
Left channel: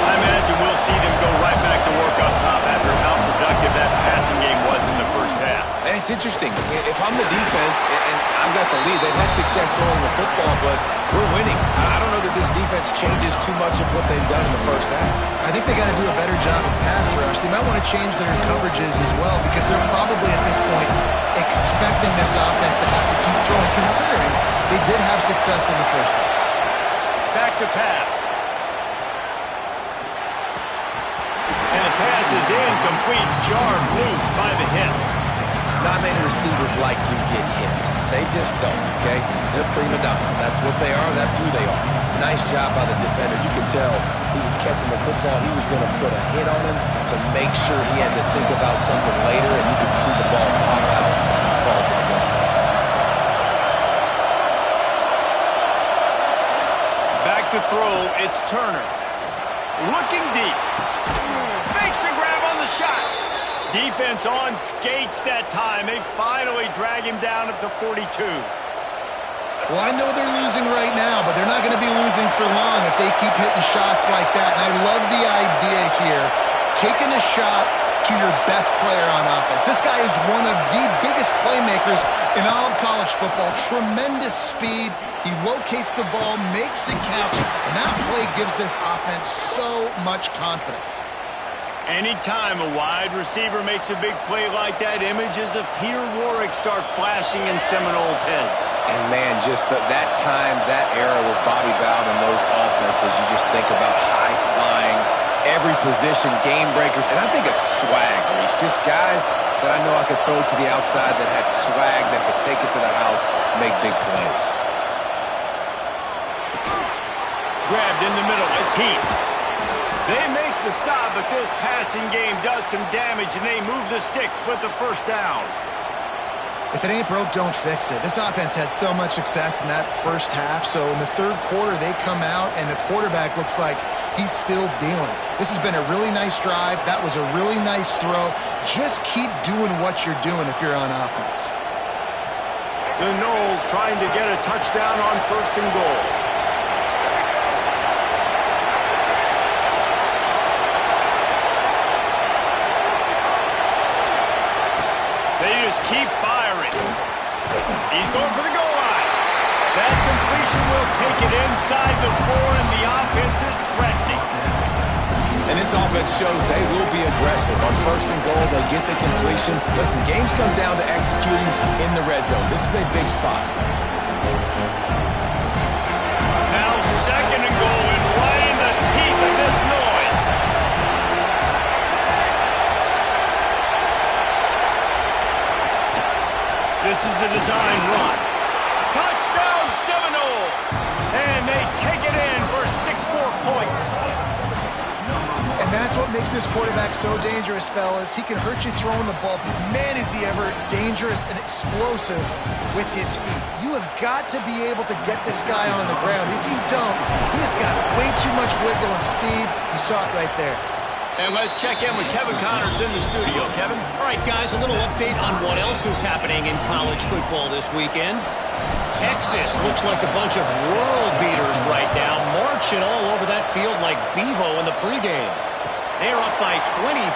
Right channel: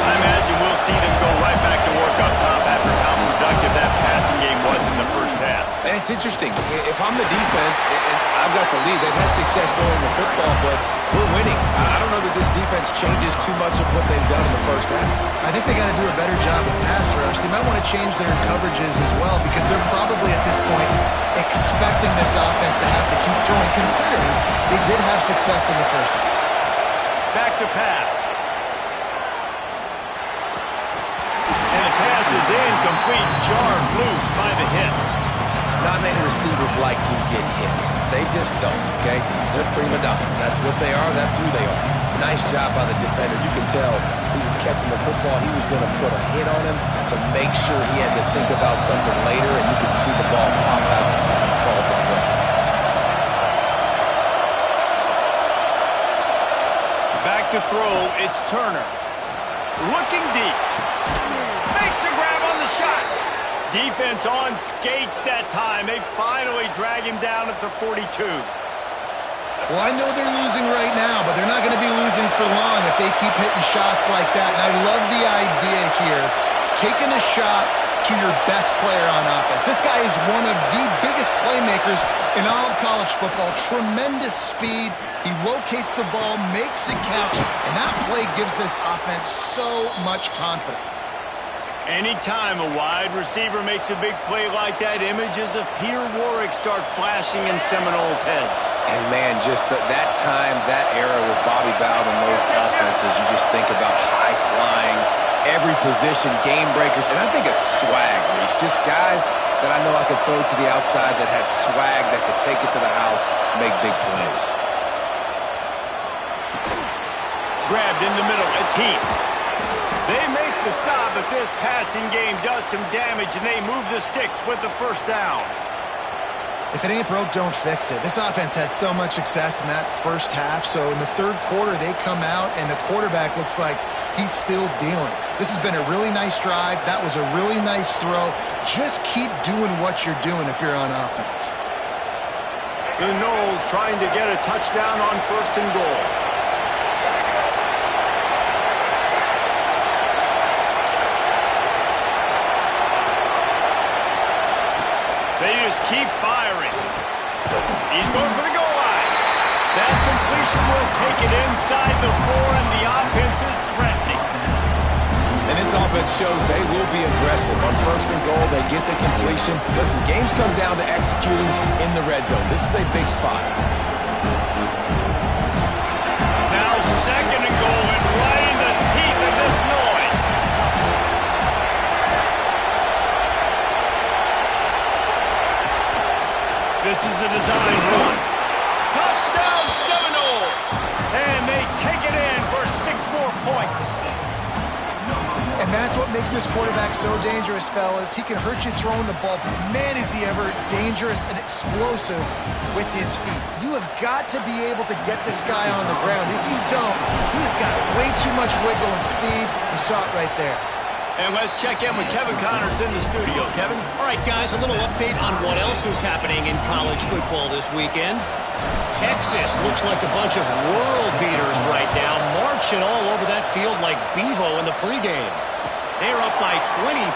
I imagine we'll see them go right back to work up top after how productive that passing game was in the first half. And it's interesting. If I'm the defense and I've got the lead, they've had success throwing the football, but we're winning. I don't know that this defense changes too much of what they've done in the first half. I think they got to do a better job of pass rush. They might want to change their coverages as well, because they're probably at this point expecting this offense to have to keep throwing, considering they did have success in the first half. Back to pass. And the pass is incomplete, jarred loose by the hit. Not many receivers like to get hit. They just don't, okay? They're prima donnas. That's what they are. That's who they are. Nice job by the defender. You can tell he was catching the football. He was going to put a hit on him to make sure he had to think about something later, and you could see the ball pop out and fall to the ground. Back to throw, it's Turner. Looking deep. Makes a grab on the shot. Defense on skates that time. They finally drag him down at the 42. Well, I know they're losing right now, but they're not going to be losing for long if they keep hitting shots like that. And I love the idea here. Taking a shot, to your best player on offense. This guy is one of the biggest playmakers in all of college football. Tremendous speed. He locates the ball, makes a catch, and that play gives this offense so much confidence. Anytime a wide receiver makes a big play like that, images of Peter Warrick start flashing in Seminoles' heads. And, man, just that time, that era with Bobby Bowden and those offenses, you just think about high-flying, every position, game breakers, and I think a swag, Reese. Just guys that I know I could throw to the outside that had swag, that could take it to the house, make big plays. Grabbed in the middle. It's Heath. They make the stop, but this passing game does some damage, and they move the sticks with the first down. If it ain't broke, don't fix it. This offense had so much success in that first half, so in the third quarter, they come out, and the quarterback looks like he's still dealing. This has been a really nice drive. That was a really nice throw. Just keep doing what you're doing if you're on offense. The Noles trying to get a touchdown on 1st and goal. They just keep firing. He's going for the goal line. That completion will take it inside the 4, and the offense is threatening. And this offense shows they will be aggressive. On 1st and goal, they get the completion. Listen, games come down to executing in the red zone. This is a big spot. Now 2nd and goal, and right in the teeth of this noise. This is a design run. Touchdown Seminoles! And they take it in for 6 more points. And that's what makes this quarterback so dangerous, fellas. He can hurt you throwing the ball, but man, is he ever dangerous and explosive with his feet. You have got to be able to get this guy on the ground. If you don't, he has got way too much wiggle and speed. You saw it right there. And let's check in with Kevin Connors in the studio. Kevin? All right, guys, a little update on what else is happening in college football this weekend. Texas looks like a bunch of world beaters right now, marching all over that field like Bevo in the pregame. They're up by 24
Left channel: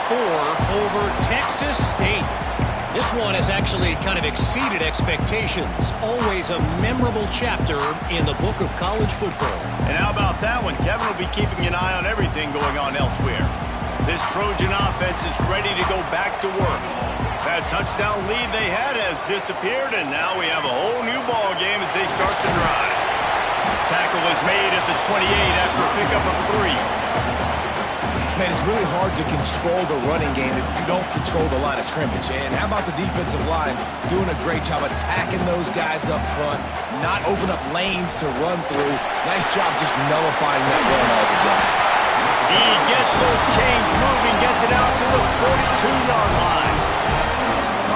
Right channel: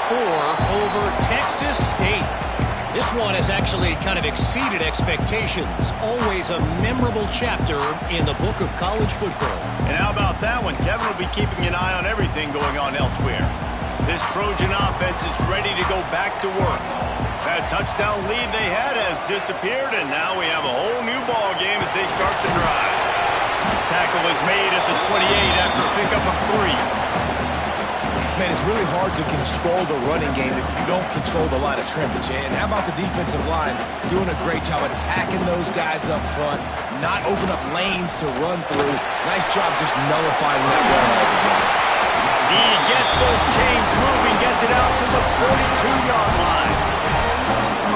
over Texas State. This one has actually kind of exceeded expectations. Always a memorable chapter in the book of college football. And how about that one? Kevin will be keeping an eye on everything going on elsewhere. This Trojan offense is ready to go back to work. That touchdown lead they had has disappeared, and now we have a whole new ball game as they start the drive. Tackle is made at the 28 after a pickup of 3. Man, it's really hard to control the running game if you don't control the line of scrimmage. And how about the defensive line doing a great job attacking those guys up front, not open up lanes to run through. Nice job just nullifying that run altogether. He gets those chains moving, gets it out to the 42-yard line.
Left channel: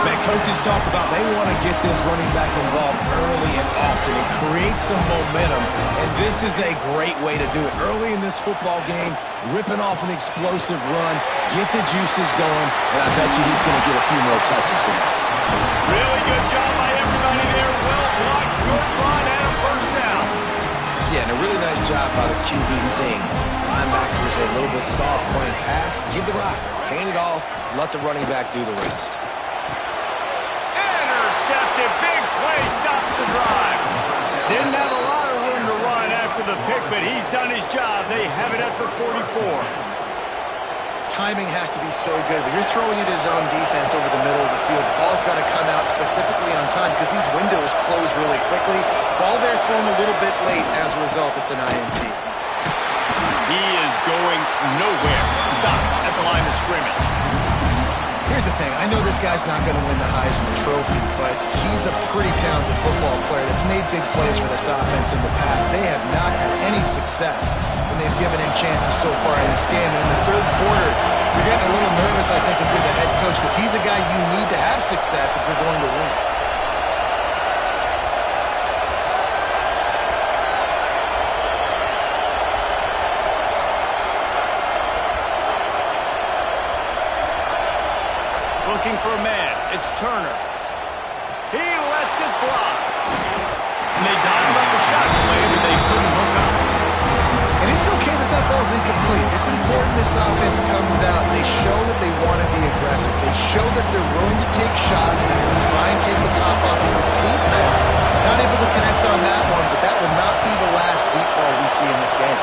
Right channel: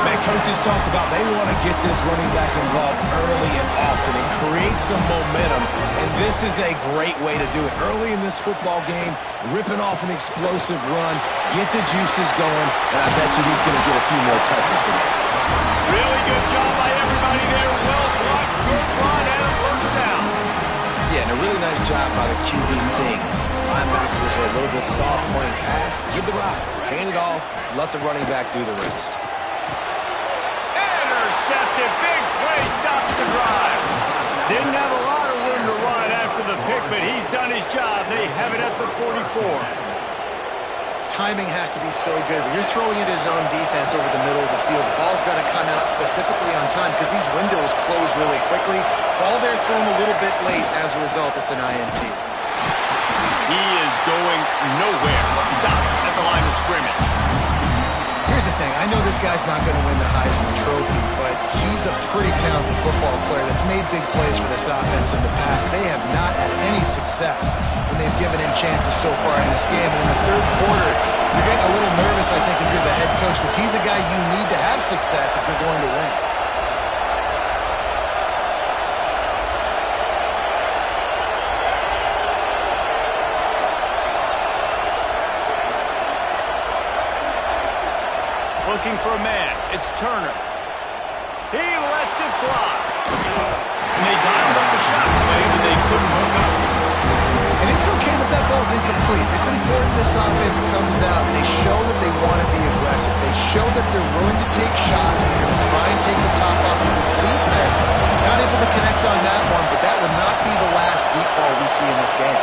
Man, coaches talked about they want to get this running back involved early and often and create some momentum, and this is a great way to do it. Early in this football game, ripping off an explosive run, get the juices going, and I bet you he's going to get a few more touches today. Really good job by everybody there. Well blocked, good run, and a first down. Yeah, and a really nice job by the QB seeing linebackers are a little bit soft playing pass. Give the rock, hand it off, let the running back do the rest. Intercepted, big play, stops the drive. Didn't have a lot of room to run after the pick, but he's done his job. They have it at the 44. Timing has to be so good. When you're throwing into zone defense over the middle of the field, the ball's got to come out specifically on time because these windows close really quickly. Ball there thrown a little bit late. As a result, it's an INT. He is going nowhere. Stop at the line of scrimmage. Here's the thing. I know this guy's not going to win the Heisman Trophy, but he's a pretty talented football player that's made big plays for this offense in the past. They have not had any success when they've given him chances so far in this game. And in the third quarter, you're getting a little nervous, I think, if you're the head coach, because he's a guy you need to have success if you're going to win. Looking for a man. It's Turner. He lets it fly. And they dialed up a shot play, but they couldn't hook up. And it's it's okay that that ball's incomplete. It's important this offense comes out and they show that they want to be aggressive. They show that they're willing to take shots and they're going to try and take the top off of this defense. Not able to connect on that one, but that will not be the last deep ball we see in this game.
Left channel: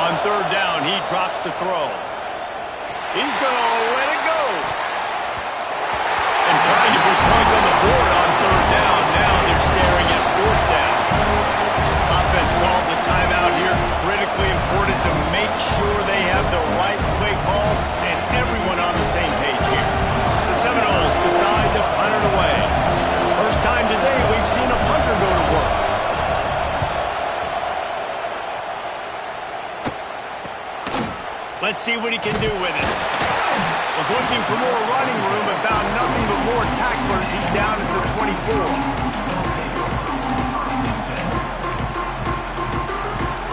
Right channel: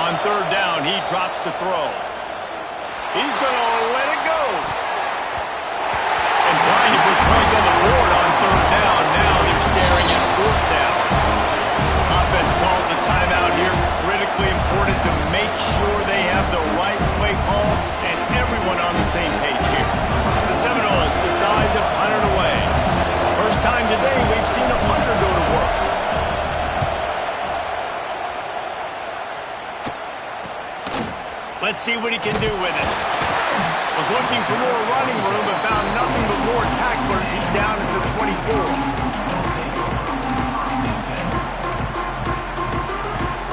On third down, he drops to throw. He's going to let it go. And trying to put points on the board on third down. Now they're staring at fourth down. Offense calls a timeout here. Critically important to make sure they have the right play call and everyone on the same page here. The Seminoles decide to punt it away. First time today we've seen a punter go to work. Let's see what he can do with it. Was looking for more running room, but found nothing but more tacklers. He's down at the 24.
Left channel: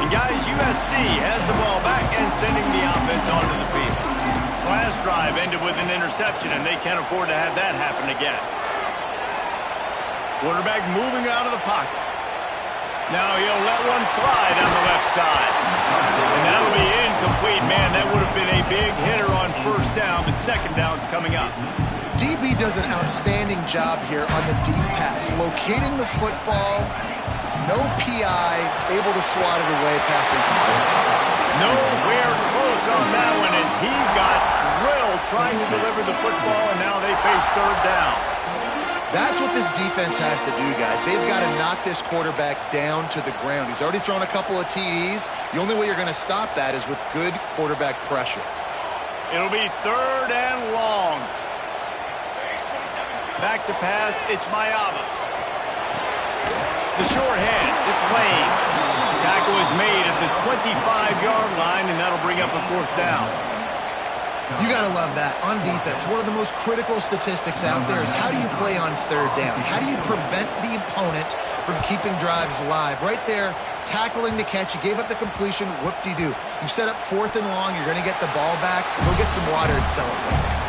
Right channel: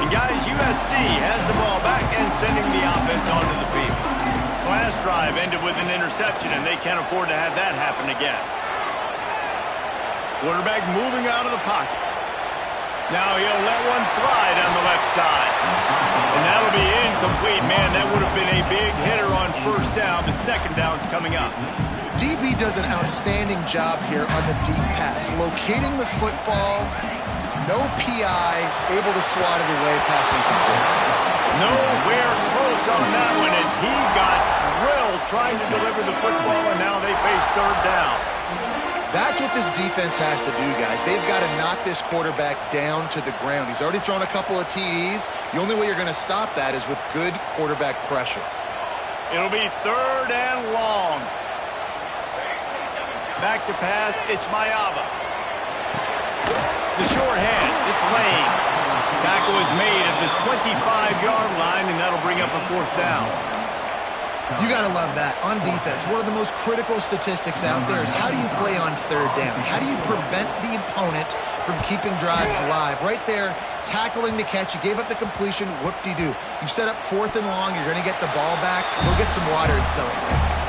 And guys, USC has the ball back and sending the offense onto the field. Last drive ended with an interception, and they can't afford to have that happen again. Quarterback moving out of the pocket. Now he'll let one fly down the left side. And that'll be incomplete. Man, that would have been a big hitter on first down, but second down's coming up. DB does an outstanding job here on the deep pass. Locating the football, no PI, able to swat it away, pass incomplete. Nowhere close on that one as he got drilled trying to deliver the football, and now they face third down. That's what this defense has to do, guys. They've got to knock this quarterback down to the ground. He's already thrown a couple of TDs. The only way you're going to stop that is with good quarterback pressure. It'll be third and long. Back to pass, it's Mayava. The short hands, it's Lane. Tackle is made at the 25-yard line, and that'll bring up a fourth down. You got to love that. On defense, one of the most critical statistics out there is how do you play on third down? How do you prevent the opponent from keeping drives alive? Right there, tackling the catch. You gave up the completion. Whoop-de-doo. You set up fourth and long. You're going to get the ball back. Go get some water and celebrate.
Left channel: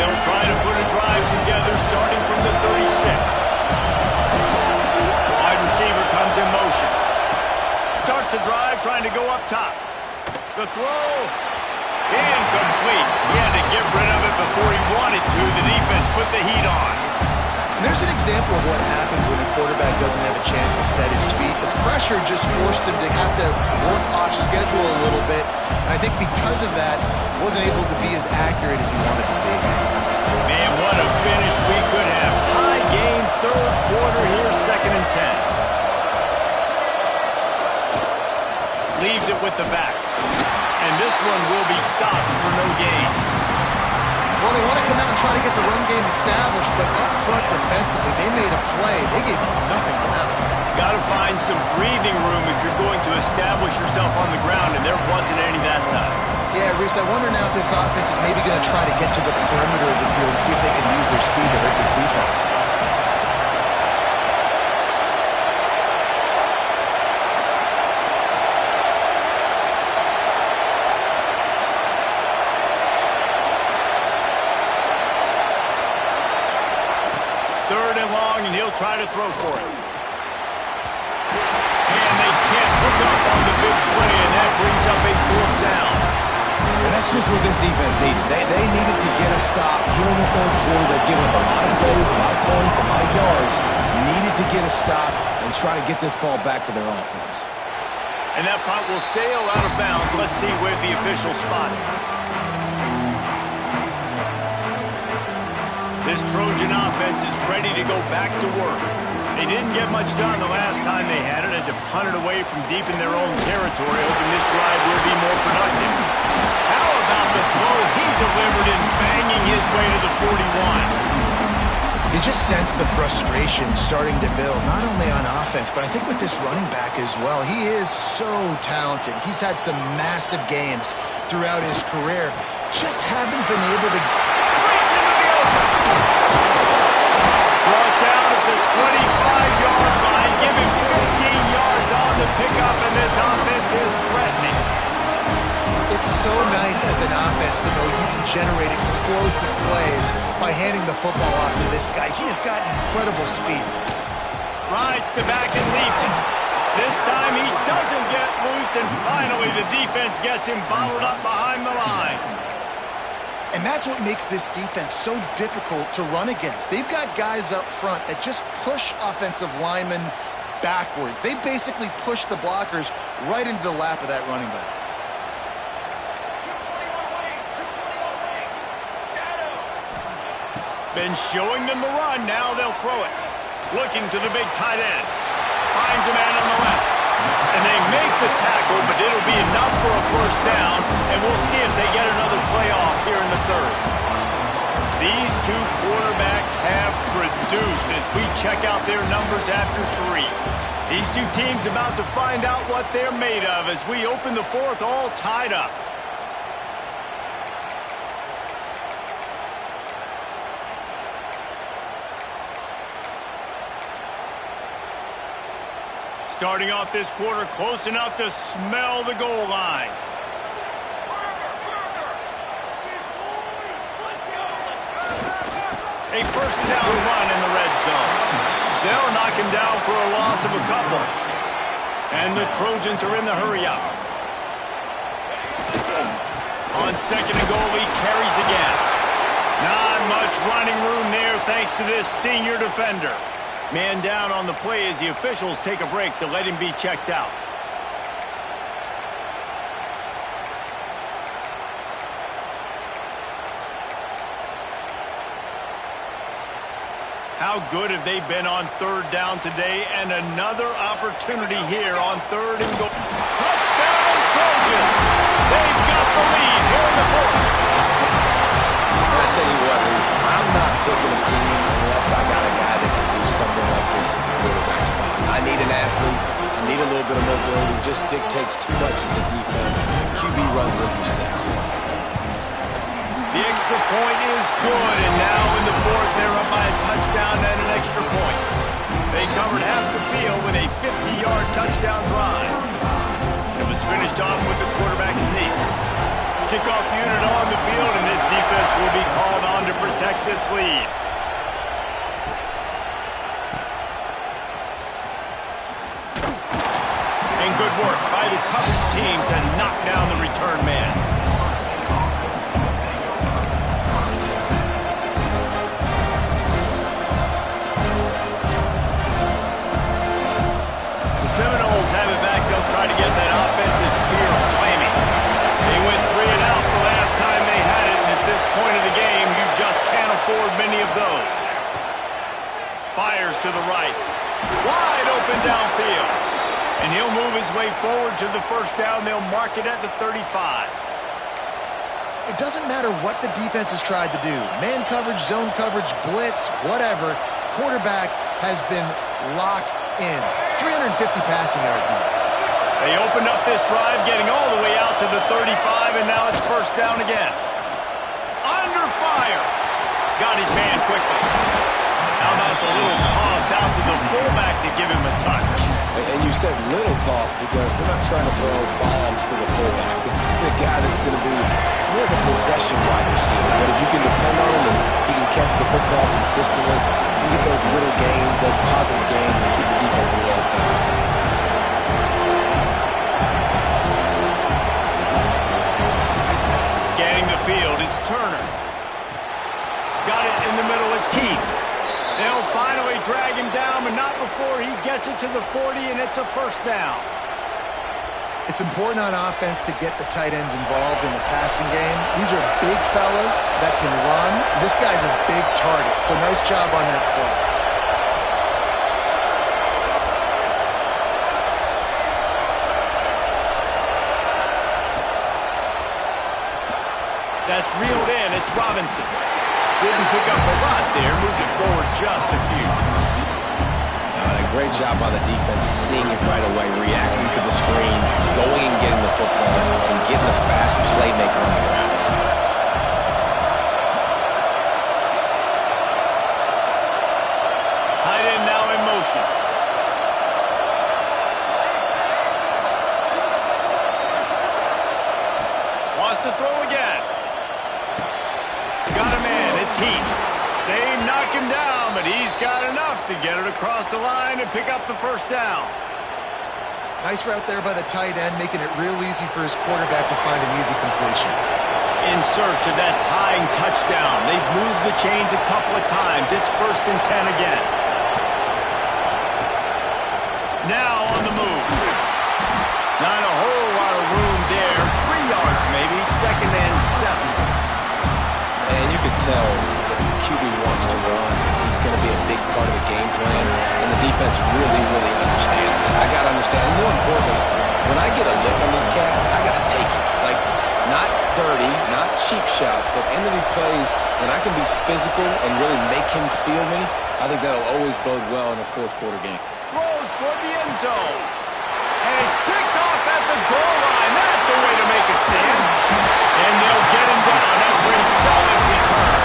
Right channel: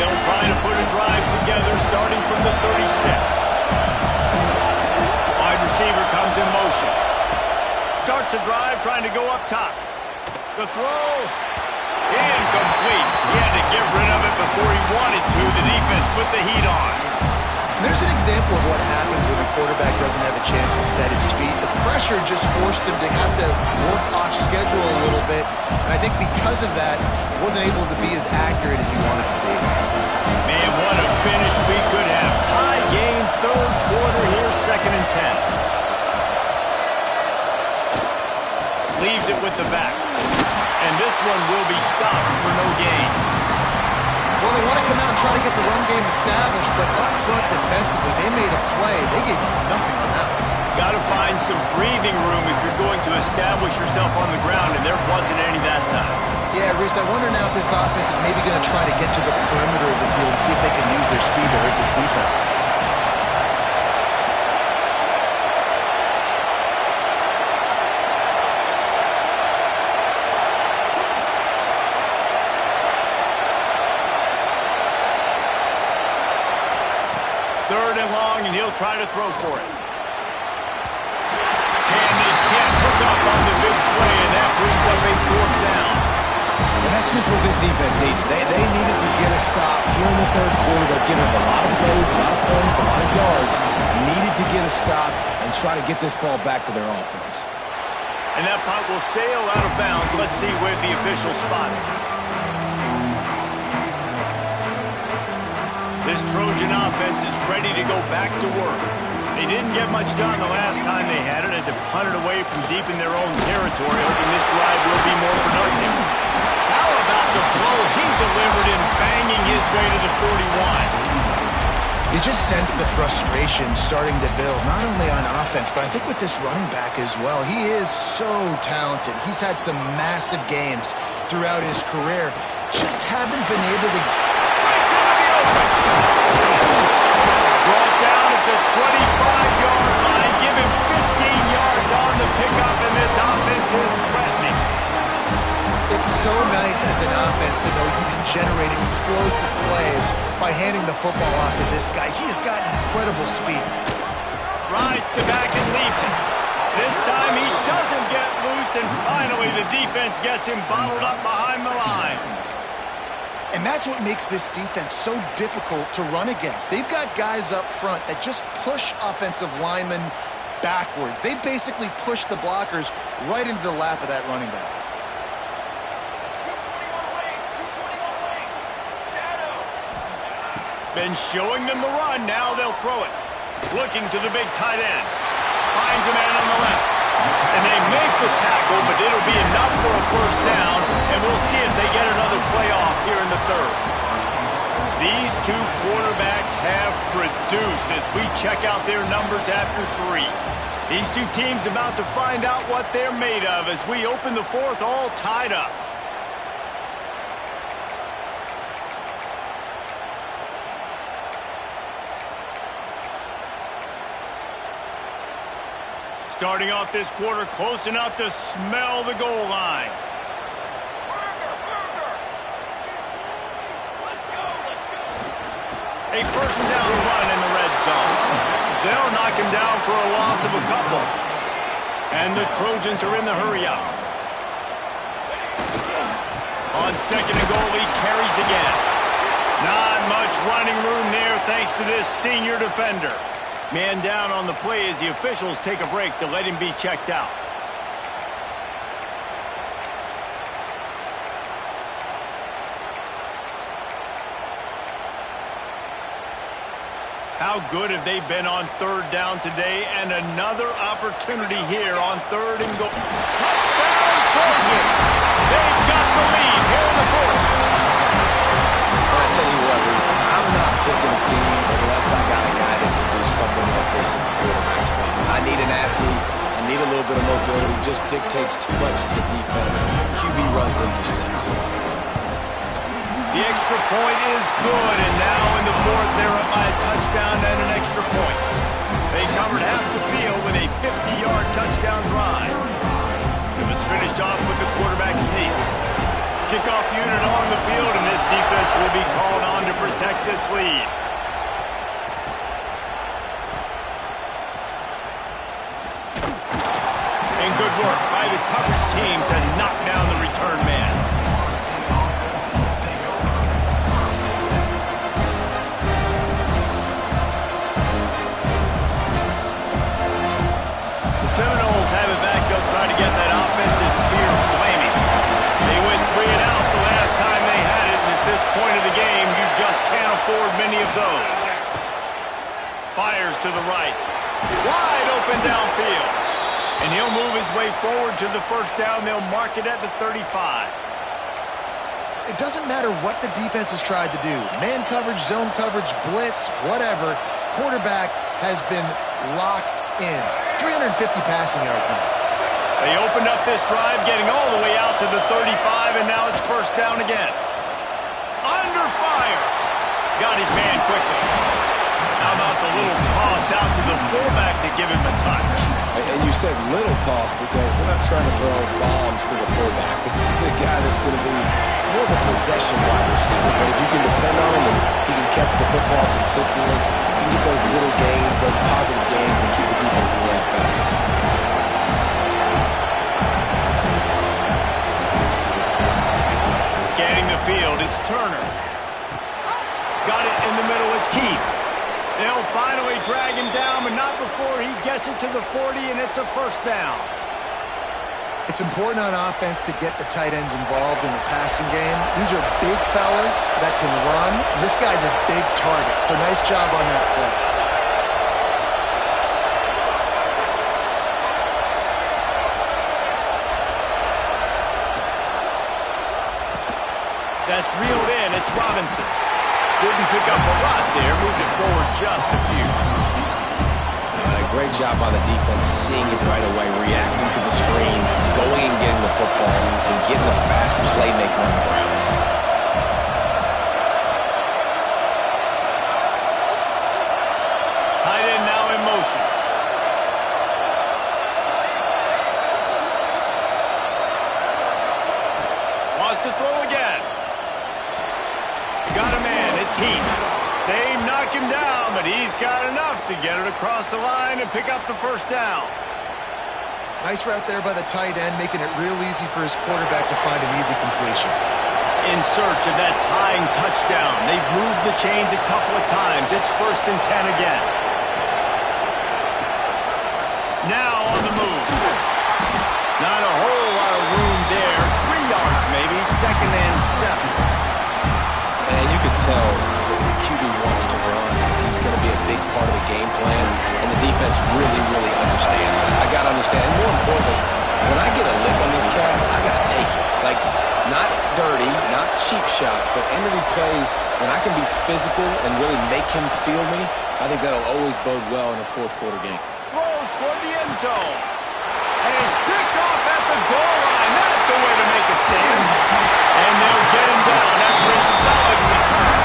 They'll try to put a drive together starting from the 36. Wide receiver comes in motion. Starts a drive trying to go up top. The throw, incomplete. He had to get rid of it before he wanted to. The defense put the heat on. And there's an example of what happens when the quarterback doesn't have a chance to set his feet. The pressure just forced him to have to work off schedule a little bit. And I think because of that, wasn't able to be as accurate as he wanted to be. Man, what a finish we could have. Tie game, third quarter here, 2nd and 10. Leaves it with the back. And this one will be stopped for no gain. Well, they want to come out and try to get the run game established, but up front defensively, they made a play. They gave up nothing on that one. Got to find some breathing room if you're going to establish yourself on the ground, and there wasn't any that time. Yeah, Reese, I wonder now if this offense is maybe going to try to get to the perimeter of the field and see if they can use their speed to hurt this defense. Third and long, and he'll try to throw for it. And they can't hook up on the big play, and that brings up a fourth down. And that's just what this defense needed. They needed to get a stop here in the third quarter. They've given up a lot of plays, a lot of points, a lot of yards. Needed to get a stop and try to get this ball back to their offense. And that punt will sail out of bounds. Let's see where the official spot it. This Trojan offense is ready to go back to work. They didn't get much done the last time they had it, and to punt it away from deep in their own territory, hoping this drive will be more productive. How about the blow he delivered in banging his way to the 41? You just sense the frustration starting to build, not only on offense, but I think with this running back as well. He is so talented. He's had some massive games throughout his career. just haven't been able to... Breaks into the open. Brought down at the 25-yard line. Give him 15 yards on the pickup, and this offense is threatening. It's so nice as an offense to know you can generate explosive plays by handing the football off to this guy. He has got incredible speed. Rides to back and leaves it. This time he doesn't get loose, and finally the defense gets him bottled up behind the line. And that's what makes this defense so difficult to run against. They've got guys up front that just push offensive linemen backwards. They basically push the blockers right into the lap of that running back. 221 wing, 221 wing. Shadow. Been showing them the run, now they'll throw it. Looking to the big tight end. Finds a man on the left. And they make the tackle, but it'll be enough for a first down, and we'll see if they get another play off here in the third. These two quarterbacks have produced as we check out their numbers after 3. These two teams about to find out what they're made of as we open the fourth all tied up. Starting off this quarter close enough to smell the goal line. Let's go, let's go. A first down run in the red zone. They'll knock him down for a loss of a couple. And the Trojans are in the hurry up. On second and goal, he carries again. Not much running room there thanks to this senior defender. Man down on the play as the officials take a break to let him be checked out. How good have they been on third down today? And another opportunity here on third and goal. Touchdown Trojans! They've got the lead here in the fourth. And I tell you what, Reese, I'm not picking a team unless I got a guy that can do something like this at the quarterback spot. I need an athlete. I need a little bit of mobility. Just dictates too much to the defense. QB runs in for 6. The extra point is good, and now in the fourth, they're up by a touchdown and an extra point. They covered half the field with a 50-yard touchdown drive. It was finished off with the quarterback sneak. Kickoff unit on the field, and this defense will be called on to protect this lead. And good work by the coverage team to knock down the return man. The Seminoles have it back. They'll try to get that offensive spear flaming. They went 3 and out the last time they had it, and at this point of the game, you just can't afford many of those. Fires to the right. Wide open downfield. And he'll move his way forward to the first down. They'll mark it at the 35. It doesn't matter what the defense has tried to do. Man coverage, zone coverage, blitz, whatever. Quarterback has been locked in. 350 passing yards now. They opened up this drive, getting all the way out to the 35, and now it's first down again. Under fire. Got his man quickly. How about the little toss out to the fullback to give him a touch? And you said little toss because they're not trying to throw bombs to the fullback. This is a guy that's going to be more of a possession wide receiver. But if you can depend on him and he can catch the football consistently, you can get those little gains, those positive gains, and keep the defense in the off balance. Scanning the field, it's Turner. Got it in the middle, it's Keith. They'll finally drag him down, but not before he gets it to the 40, and it's a first down. It's important on offense to get the tight ends involved in the passing game. These are big fellas that can run. This guy's a big target, so nice job on that play. That's reeled in. It's Robinson. Didn't pick up a lot there. Moved it forward just a few. A great job by the defense, seeing it right away, reacting to the screen, going and getting the football, and getting the fast playmaker on the ground. motion. Wants to throw again. Got a man. It's Heat. They knock him down, but he's got enough to get it across the line and pick up the first down. Nice route there by the tight end, making it real easy for his quarterback to find an easy completion. In search of that tying touchdown. They've moved the chains a couple of times. It's 1st and 10 again. Now on the move. Not a whole lot of room there. 3 yards maybe. 2nd and 7. And you can tell that the QB wants to run. He's going to be a big part of the game plan, and the defense really, really understands that. I got to understand, and more importantly, when I get a lick on this cat, I got to take it. Like, not dirty, not cheap shots, but end of the plays, when I can be physical and really make him feel me, I think that'll always bode well in a 4th quarter game. Throws toward the end zone. And he's picked off at the goal line. That's a way to make a stand. And they'll get him down after a solid return.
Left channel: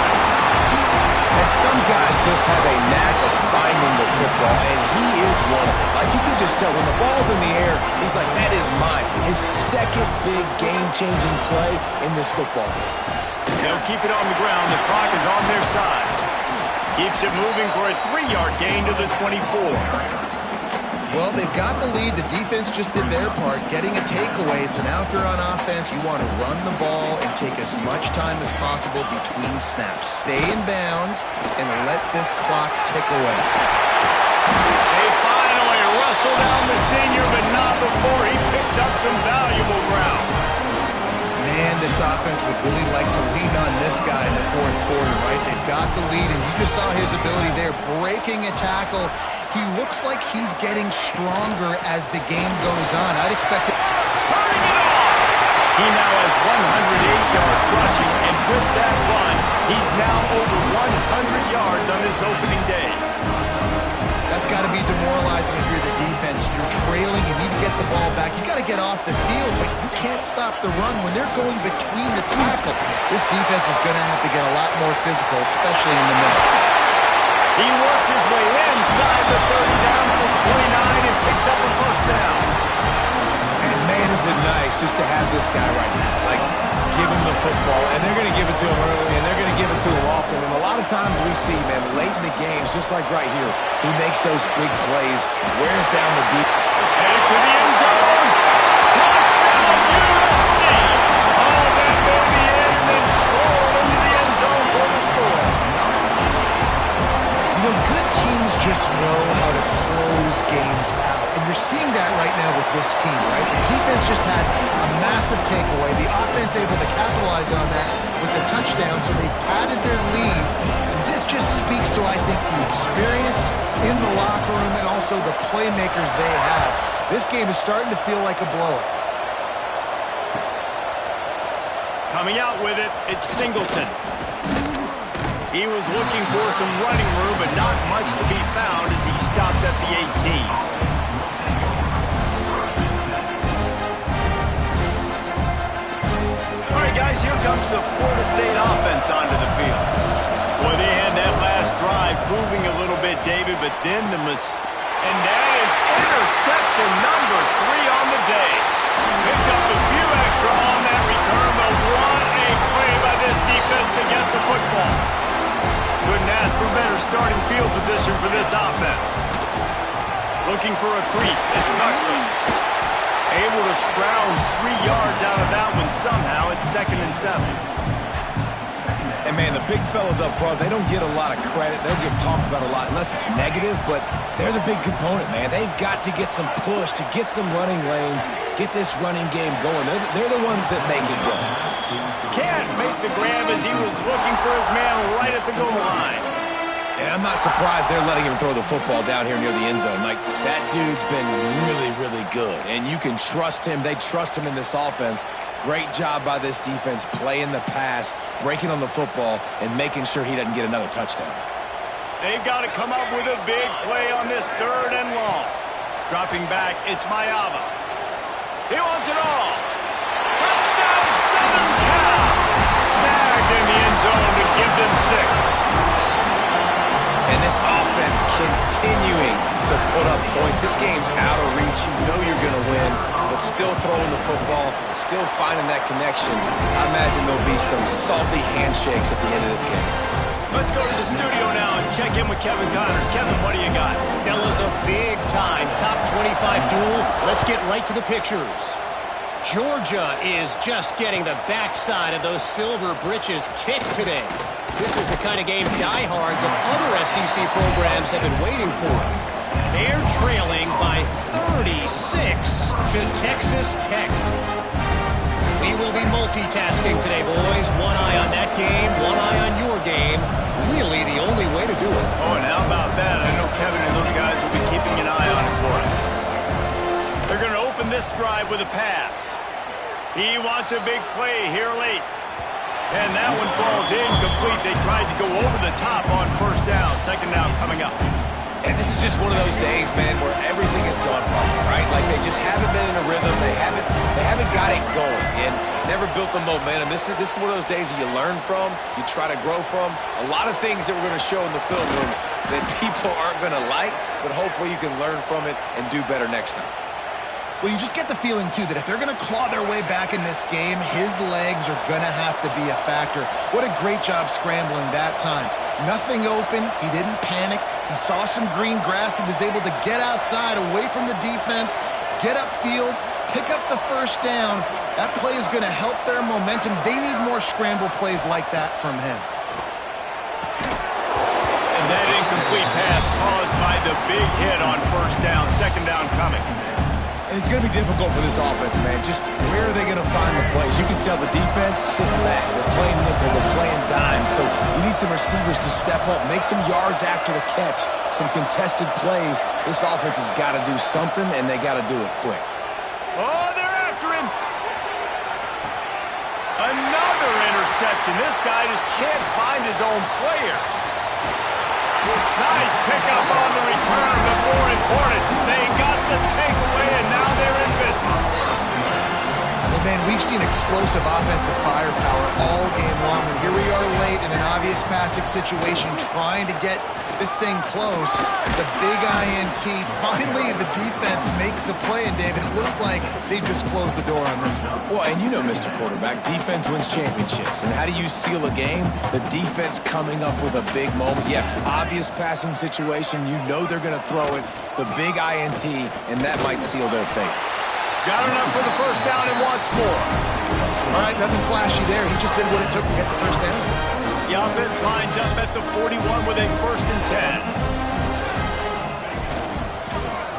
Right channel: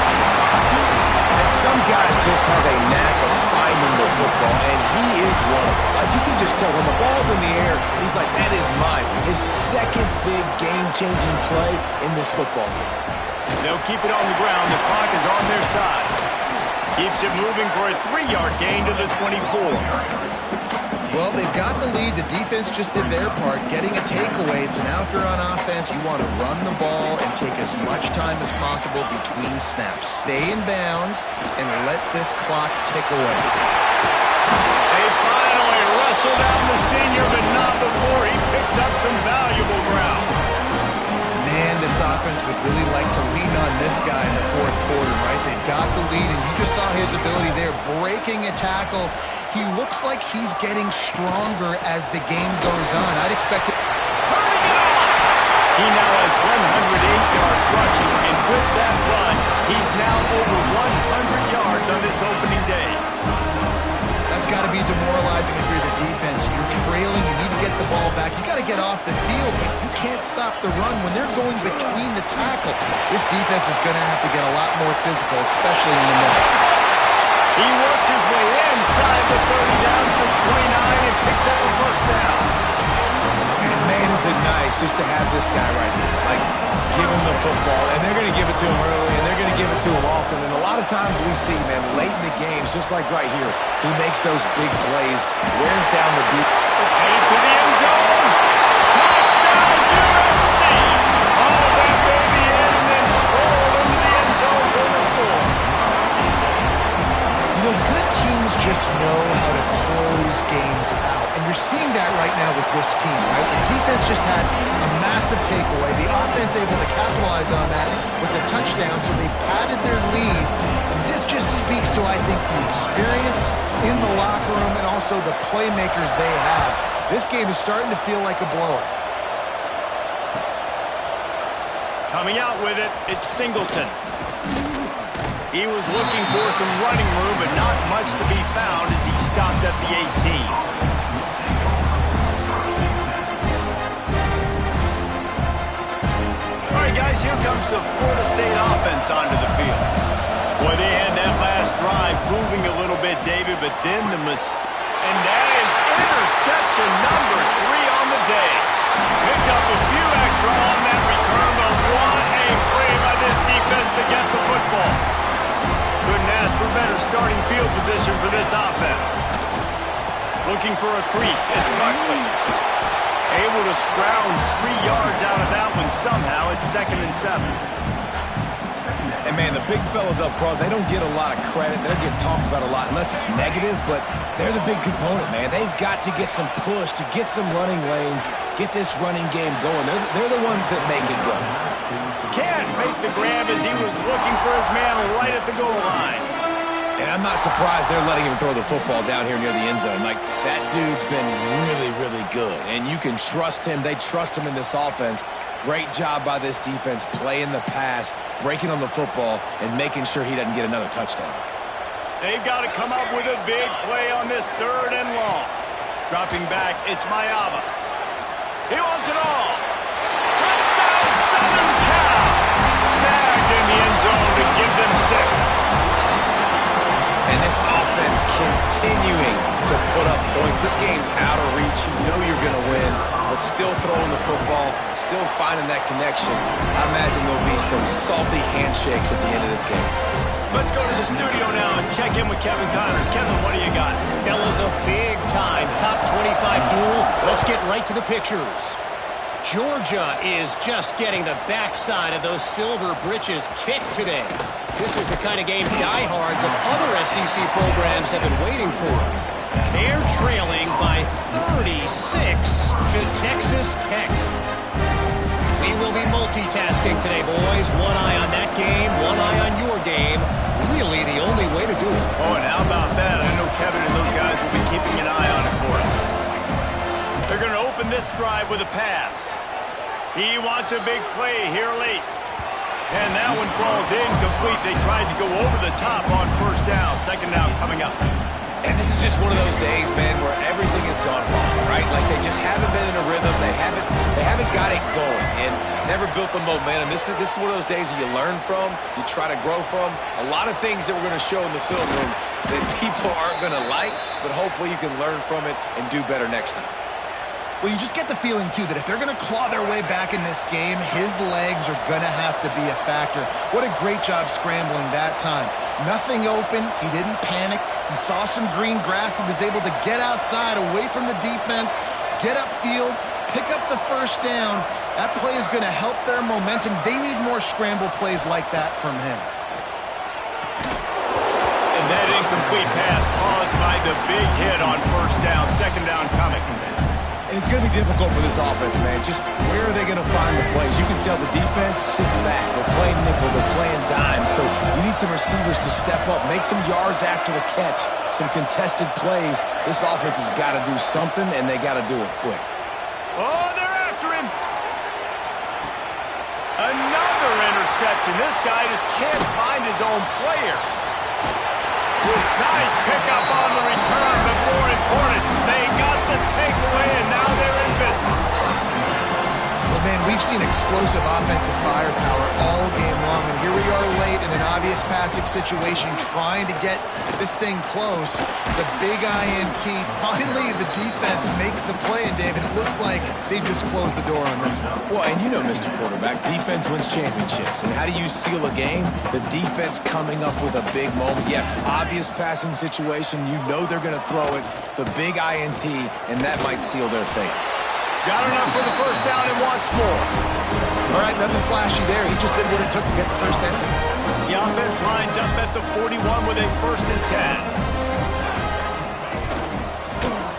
And some guys just have a knack of finding the football, and he is one of them. Like, you can just tell when the ball's in the air, he's like, that is mine. His 2nd big game-changing play in this football game. They'll keep it on the ground. The clock is on their side. Keeps it moving for a 3-yard gain to the 24. Well, they've got the lead. The defense just did their part, getting a takeaway. So now if you're on offense, you want to run the ball and take as much time as possible between snaps. Stay in bounds and let this clock tick away. They finally wrestle down the senior, but not before he picks up some valuable ground. Man, this offense would really like to lean on this guy in the 4th quarter, right? They've got the lead, and you just saw his ability there, breaking a tackle. He looks like he's getting stronger as the game goes on. I'd expect it. Turning it on! He now has 108 yards rushing, and with that run, he's now over 100 yards on this opening day. That's got to be demoralizing if you're the defense. You're trailing. You need to get the ball back. You got to get off the field, but you can't stop the run when they're going between the tackles. This defense is going to have to get a lot more physical, especially in the middle. He works his way inside the 30 down to the 29 and picks up a first down. And man, is it nice just to have this guy right here. Like, give him the football, and they're going to give it to him early, and they're going to give it to him often. And a lot of times we see, man, late in the games, just like right here, he makes those big plays, wears down the deep. Headed to the end zone. Touchdown, USC. Haul that baby in and then stroll into the end zone for the score. You know, good teams just know how to close games out. And you're seeing that right now with this team, right? The defense just had a massive takeaway. The offense able to capitalize on that with a touchdown, so they've padded their lead. And this just speaks to, I think, the experience in the locker room and also the playmakers they have. This game is starting to feel like a blowout. Coming out with it, it's Singleton. He was looking for some running room, but not much to be found as he stopped at the 18. All right, guys, here comes the Florida State offense onto the field. Boy, they had that last drive moving a little bit, David, but then the mistake. And that is interception number 3 on the day. Picked up a few extra on that return, but what a play by this defense to get the football. Couldn't ask for better starting field position for this offense. Looking for a crease. It's Buckley. Able to scrounge 3 yards out of that one somehow. It's 2nd and 7. And, man, the big fellas up front, they don't get a lot of credit. They'll get talked about a lot unless it's negative, but they're the big component, man. They've got to get some push to get some running lanes, get this running game going. They're the ones that make it go. Can't make the grab as he was looking for his man right at the goal line. And I'm not surprised they're letting him throw the football down here near the end zone. Like, that dude's been really, really good. And you can trust him. They trust him in this offense. Great job by this defense playing the pass, breaking on the football, and making sure he doesn't get another touchdown. They've got to come up with a big play on this 3rd and long. Dropping back, it's Mayava. He wants it all. Touchdown, Southern Cal. Snagged in the end zone to give them 6. And this offense continuing to put up points. This game's out of reach. You know you're going to win, but still throwing the football, still finding that connection. I imagine there'll be some salty handshakes at the end of this game. Let's go to the studio now and check in with Kevin Connors. Kevin, what do you got? Fellas, a big-time top 25 duel. Let's get right to the pictures. Georgia is just getting the backside of those silver britches kicked today. This is the kind of game diehards of other SEC programs have been waiting for. They're trailing by 36 to Texas Tech. We will be multitasking today, boys. One eye on that game, one eye on your game. Really the only way to do it. Oh, and how about that? I know Kevin and those guys will be keeping an eye on it for us. They're going to open this drive with a pass. He wants a big play here late. And that one falls incomplete. They tried to go over the top on first down. Second down coming up. And this is just one of those days, man, where everything has gone wrong, right? Like they just haven't been in a rhythm. They haven't got it going and never built the momentum. This is one of those days that you learn from, you try to grow from. A lot of things that we're going to show in the film room that people aren't going to like, but hopefully you can learn from it and do better next time. Well, you just get the feeling, too, that if they're going to claw their way back in this game, his legs are going to have to be a factor. What a great job scrambling that time. Nothing open. He didn't panic. He saw some green grass. He was able to get outside, away from the defense, get upfield, pick up the first down. That play is going to help their momentum. They need more scramble plays like that from him. And that incomplete pass caused by the big hit on first down. Second down coming. And it's going to be difficult for this offense, man. Just where are they going to find the plays? You can tell the defense sitting back. They're playing nickel. They're playing dime. So you need some receivers to step up, make some yards after the catch, some contested plays. This offense has got to do something, and they got to do it quick. Oh, they're after him. Another interception. This guy just can't find his own players. Nice pickup on the return, but more important, they got the takeaway, and now they're in business. Well, man, we've seen explosive offensive firepower all game long, and here we are late in an obvious passing situation trying to get this thing close. The big INT, finally the defense makes a play, and David, it looks like they just closed the door on this one. Well, and you know, Mr. Quarterback, defense wins championships. And how do you seal a game? The defense coming up with a big moment. Yes, obvious passing situation. You know they're going to throw it. The big INT, and that might seal their fate. Got enough for the first down and wants more. All right, nothing flashy there. He just did what it took to get the first down. The offense lines up at the 41 with a 1st and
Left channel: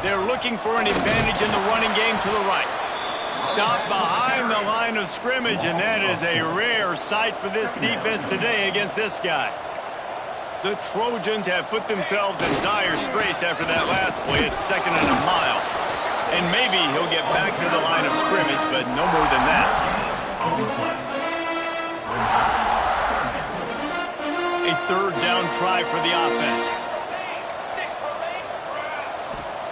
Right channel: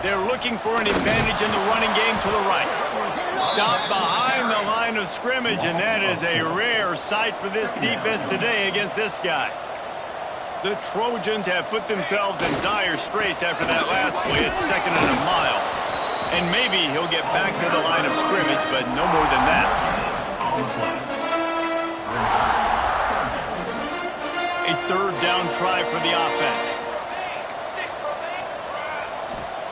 10. They're looking for an advantage in the running game to the right. Stop behind the line of scrimmage, and that is a rare sight for this defense today against this guy. The Trojans have put themselves in dire straits after that last play at 2nd and a mile. And maybe he'll get back to the line of scrimmage, but no more than that. A 3rd down try for the offense.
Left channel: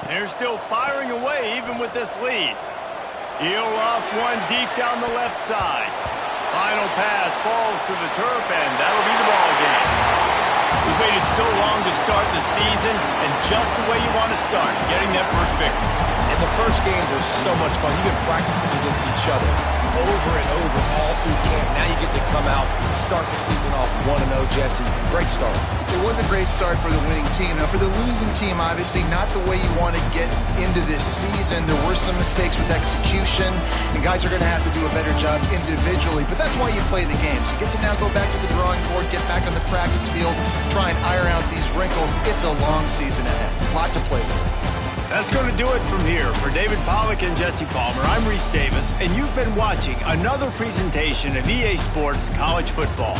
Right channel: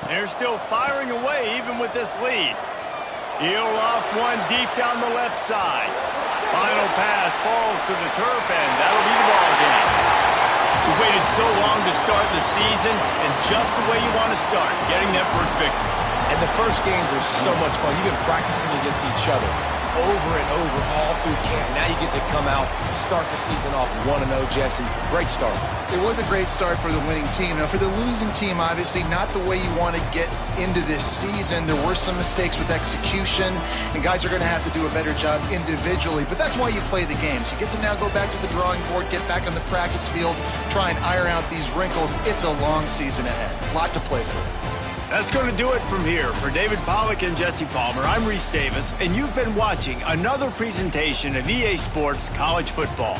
They're still firing away even with this lead. He'll loft one deep down the left side. Final pass falls to the turf, and that'll be the ball game. We waited so long to start the season, and just the way you want to start, getting that first victory. And the first games are so much fun. You've been practicing against each other over and over all through camp. Now you get to come out, start the season off 1-0, Jesse. Great start. It was a great start for the winning team. Now, for the losing team, obviously not the way you want to get into this season. There were some mistakes with execution, and guys are going to have to do a better job individually. But that's why you play the games. You get to now go back to the drawing board, get back on the practice field, try and iron out these wrinkles. It's a long season ahead. A lot to play for. That's going to do it from here. For David Pollack and Jesse Palmer, I'm Reese Davis, and you've been watching another presentation of EA Sports College Football.